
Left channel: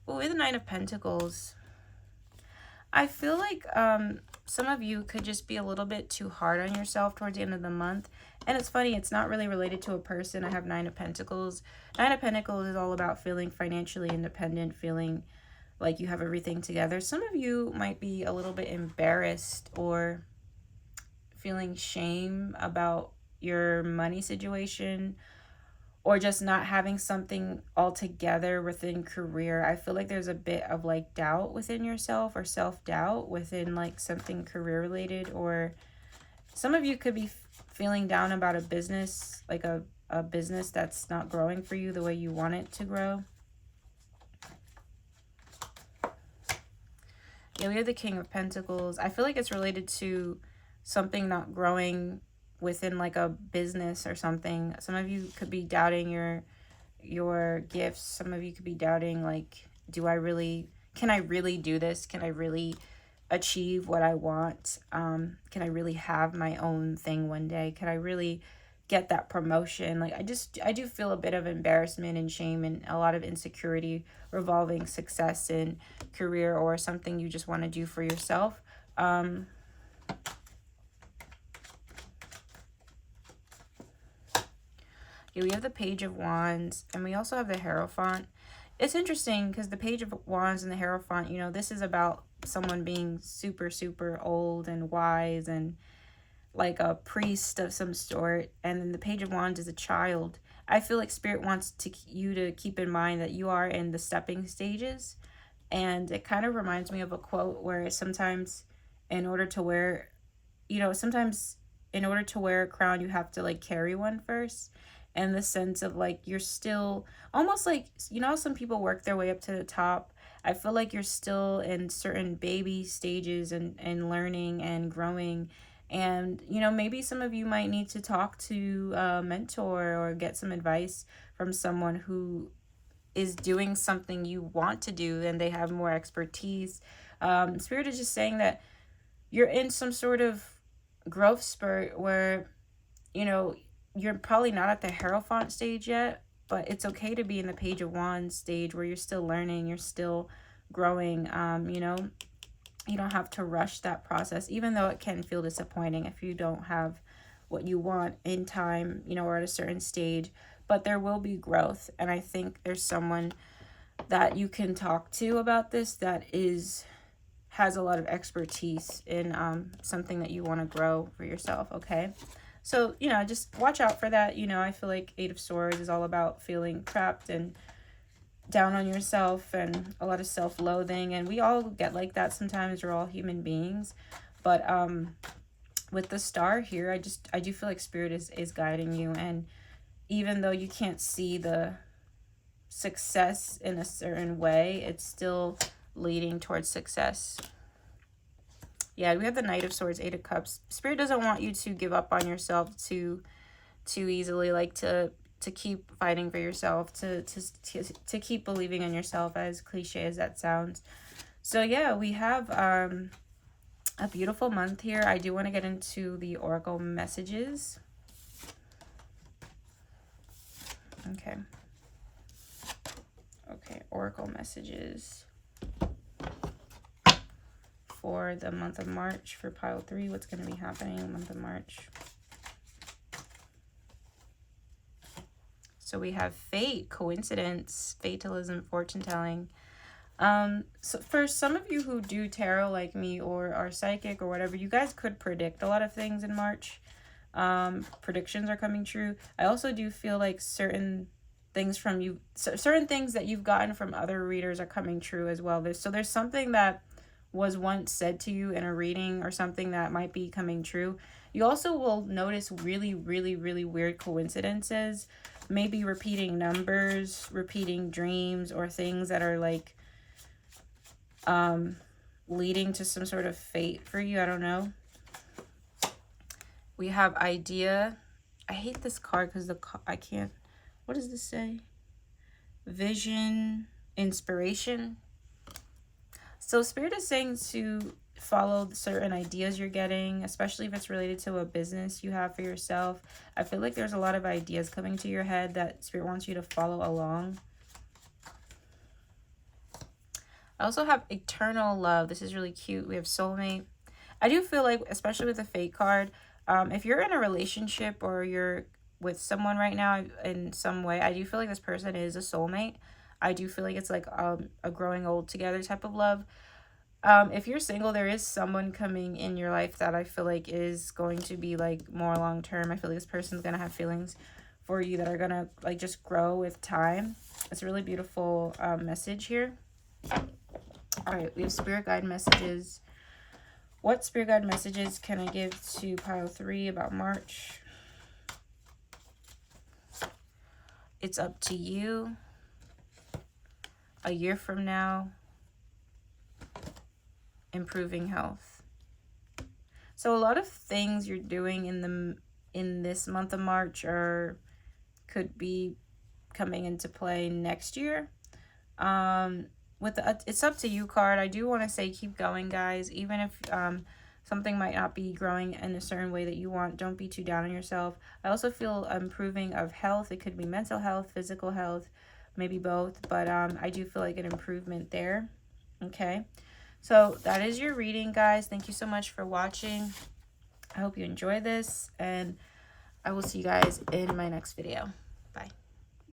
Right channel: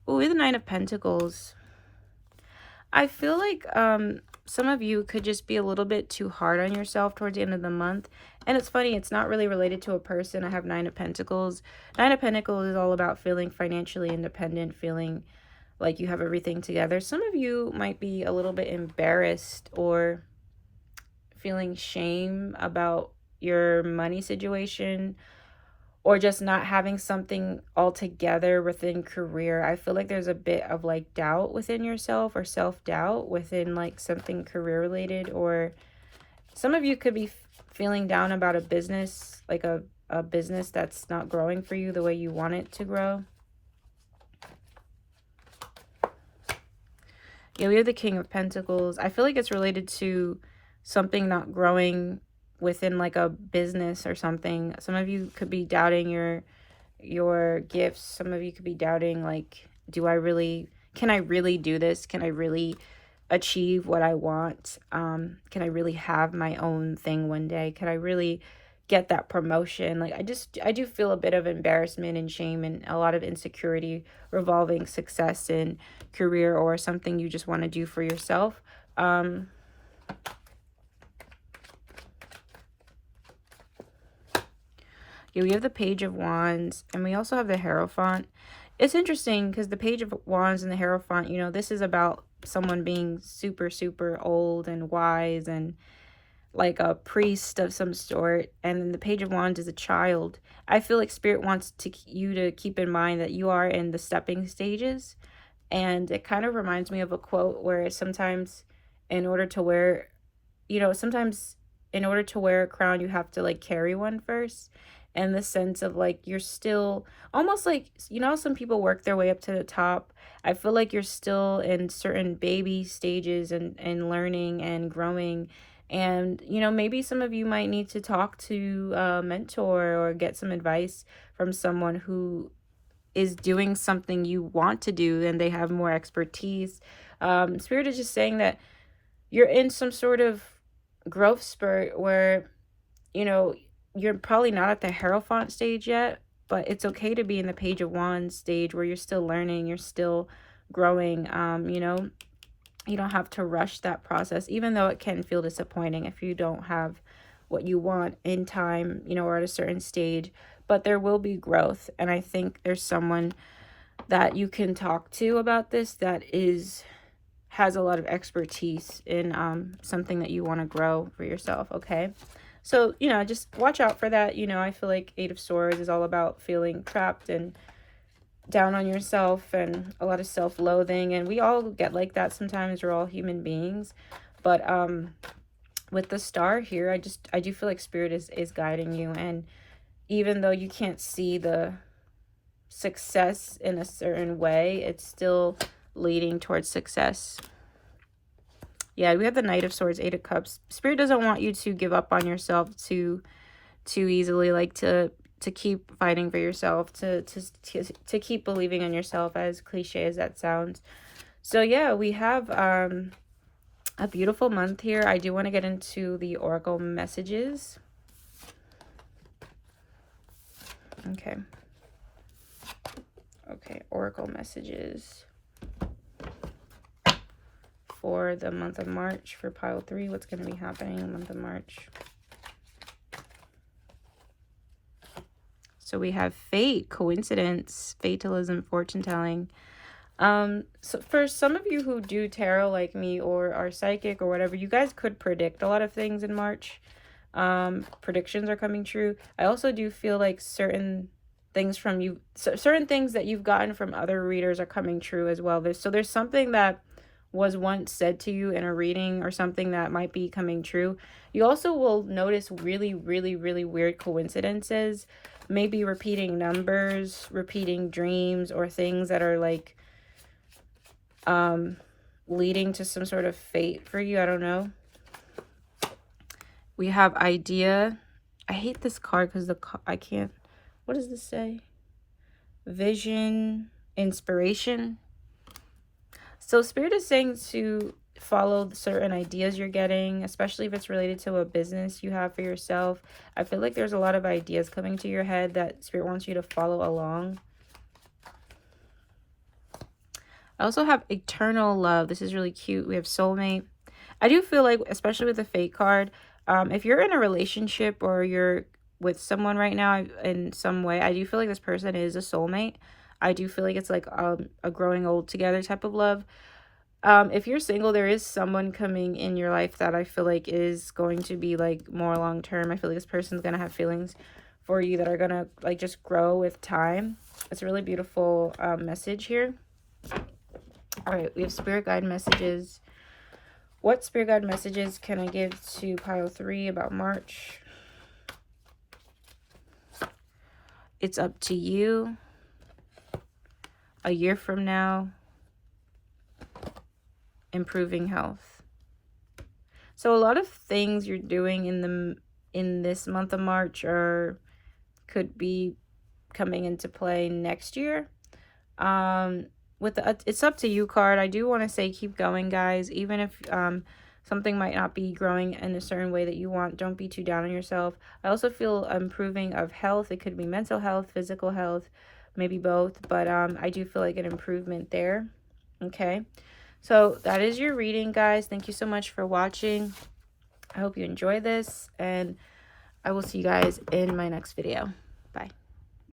Oh, we have the 9 of Pentacles. I feel like some of you could just be a little bit too hard on yourself towards the end of the month. And it's funny, it's not really related to a person. I have 9 of Pentacles. 9 of Pentacles is all about feeling financially independent, feeling like you have everything together. Some of you might be a little bit embarrassed or feeling shame about, your money situation, or just not having something altogether within career. I feel like there's a bit of like doubt within yourself, or self-doubt within like something career related, or some of you could be feeling down about a business, like a business that's not growing for you the way you want it to grow. Yeah, we have the King of Pentacles. I feel like it's related to something not growing within like a business or something. Some of you could be doubting your gifts. Some of you could be doubting, like, can I really do this? Can I really achieve what I want? Can I really have my own thing one day? Can I really get that promotion? Like, I do feel a bit of embarrassment and shame and a lot of insecurity revolving success in career or something you just want to do for yourself. Yeah, we have the Page of Wands, and we also have the Hierophant. It's interesting because the Page of Wands and the Hierophant, you know, this is about someone being super, super old and wise and like a priest of some sort. And the Page of Wands is a child. I feel like Spirit wants you to keep in mind that you are in the stepping stages. And it kind of reminds me of a quote where sometimes in order to wear, sometimes in order to wear a crown, you have to like carry one first. And the sense of like you're still almost like, some people work their way up to the top. I feel like you're still in certain baby stages and learning and growing. And, maybe some of you might need to talk to a mentor or get some advice from someone who is doing something you want to do and they have more expertise. Spirit is just saying that you're in some sort of growth spurt where, you're probably not at the Hierophant stage yet, but it's okay to be in the Page of Wands stage where you're still learning, you're still growing. You don't have to rush that process, even though it can feel disappointing if you don't have what you want in time, or at a certain stage. But there will be growth, and I think there's someone that you can talk to about this that has a lot of expertise in something that you want to grow for yourself, okay? So, just watch out for that. I feel like Eight of Swords is all about feeling trapped and down on yourself and a lot of self-loathing. And we all get like that sometimes. We're all human beings. But with the Star here, I do feel like Spirit is guiding you. And even though you can't see the success in a certain way, it's still leading towards success. Yeah, we have the Knight of Swords, Eight of Cups. Spirit doesn't want you to give up on yourself too easily, like to keep fighting for yourself, to keep believing in yourself, as cliche as that sounds. So yeah, we have a beautiful month here. I do want to get into the Oracle messages. Okay, Oracle messages for the month of March for pile 3. What's going to be happening in the month of March? So we have fate, coincidence, fatalism, fortune telling. So for some of you who do tarot like me or are psychic or whatever, you guys could predict a lot of things in March. Predictions are coming true. I also do feel like certain things from you, certain things that you've gotten from other readers are coming true as well. There's something that was once said to you in a reading or something that might be coming true. You also will notice really, really, really weird coincidences, maybe repeating numbers, repeating dreams, or things that are like leading to some sort of fate for you. I don't know. We have idea. I hate this card because I can't. What does this say? Vision, inspiration. So Spirit is saying to follow certain ideas you're getting, especially if it's related to a business you have for yourself. I feel like there's a lot of ideas coming to your head that Spirit wants you to follow along. I also have eternal love. This is really cute. We have soulmate. I do feel like, especially with the fate card, if you're in a relationship or you're with someone right now in some way, I do feel like this person is a soulmate. I do feel like it's like a growing old together type of love. If you're single, there is someone coming in your life that I feel like is going to be like more long term. I feel like this person's gonna have feelings for you that are gonna like just grow with time. It's a really beautiful message here. All right, we have spirit guide messages. What spirit guide messages can I give to pile 3 about March? It's up to you. A year from now. Improving health. So a lot of things you're doing in this month of March could be coming into play next year. With the it's up to you card, I do want to say keep going, guys. Even if something might not be growing in a certain way that you want, don't be too down on yourself. I also feel improving of health. It could be mental health, physical health, maybe both, but I do feel like an improvement there. Okay, so that is your reading, guys. Thank you so much for watching. I hope you enjoy this, and I will see you guys in my next video. Bye.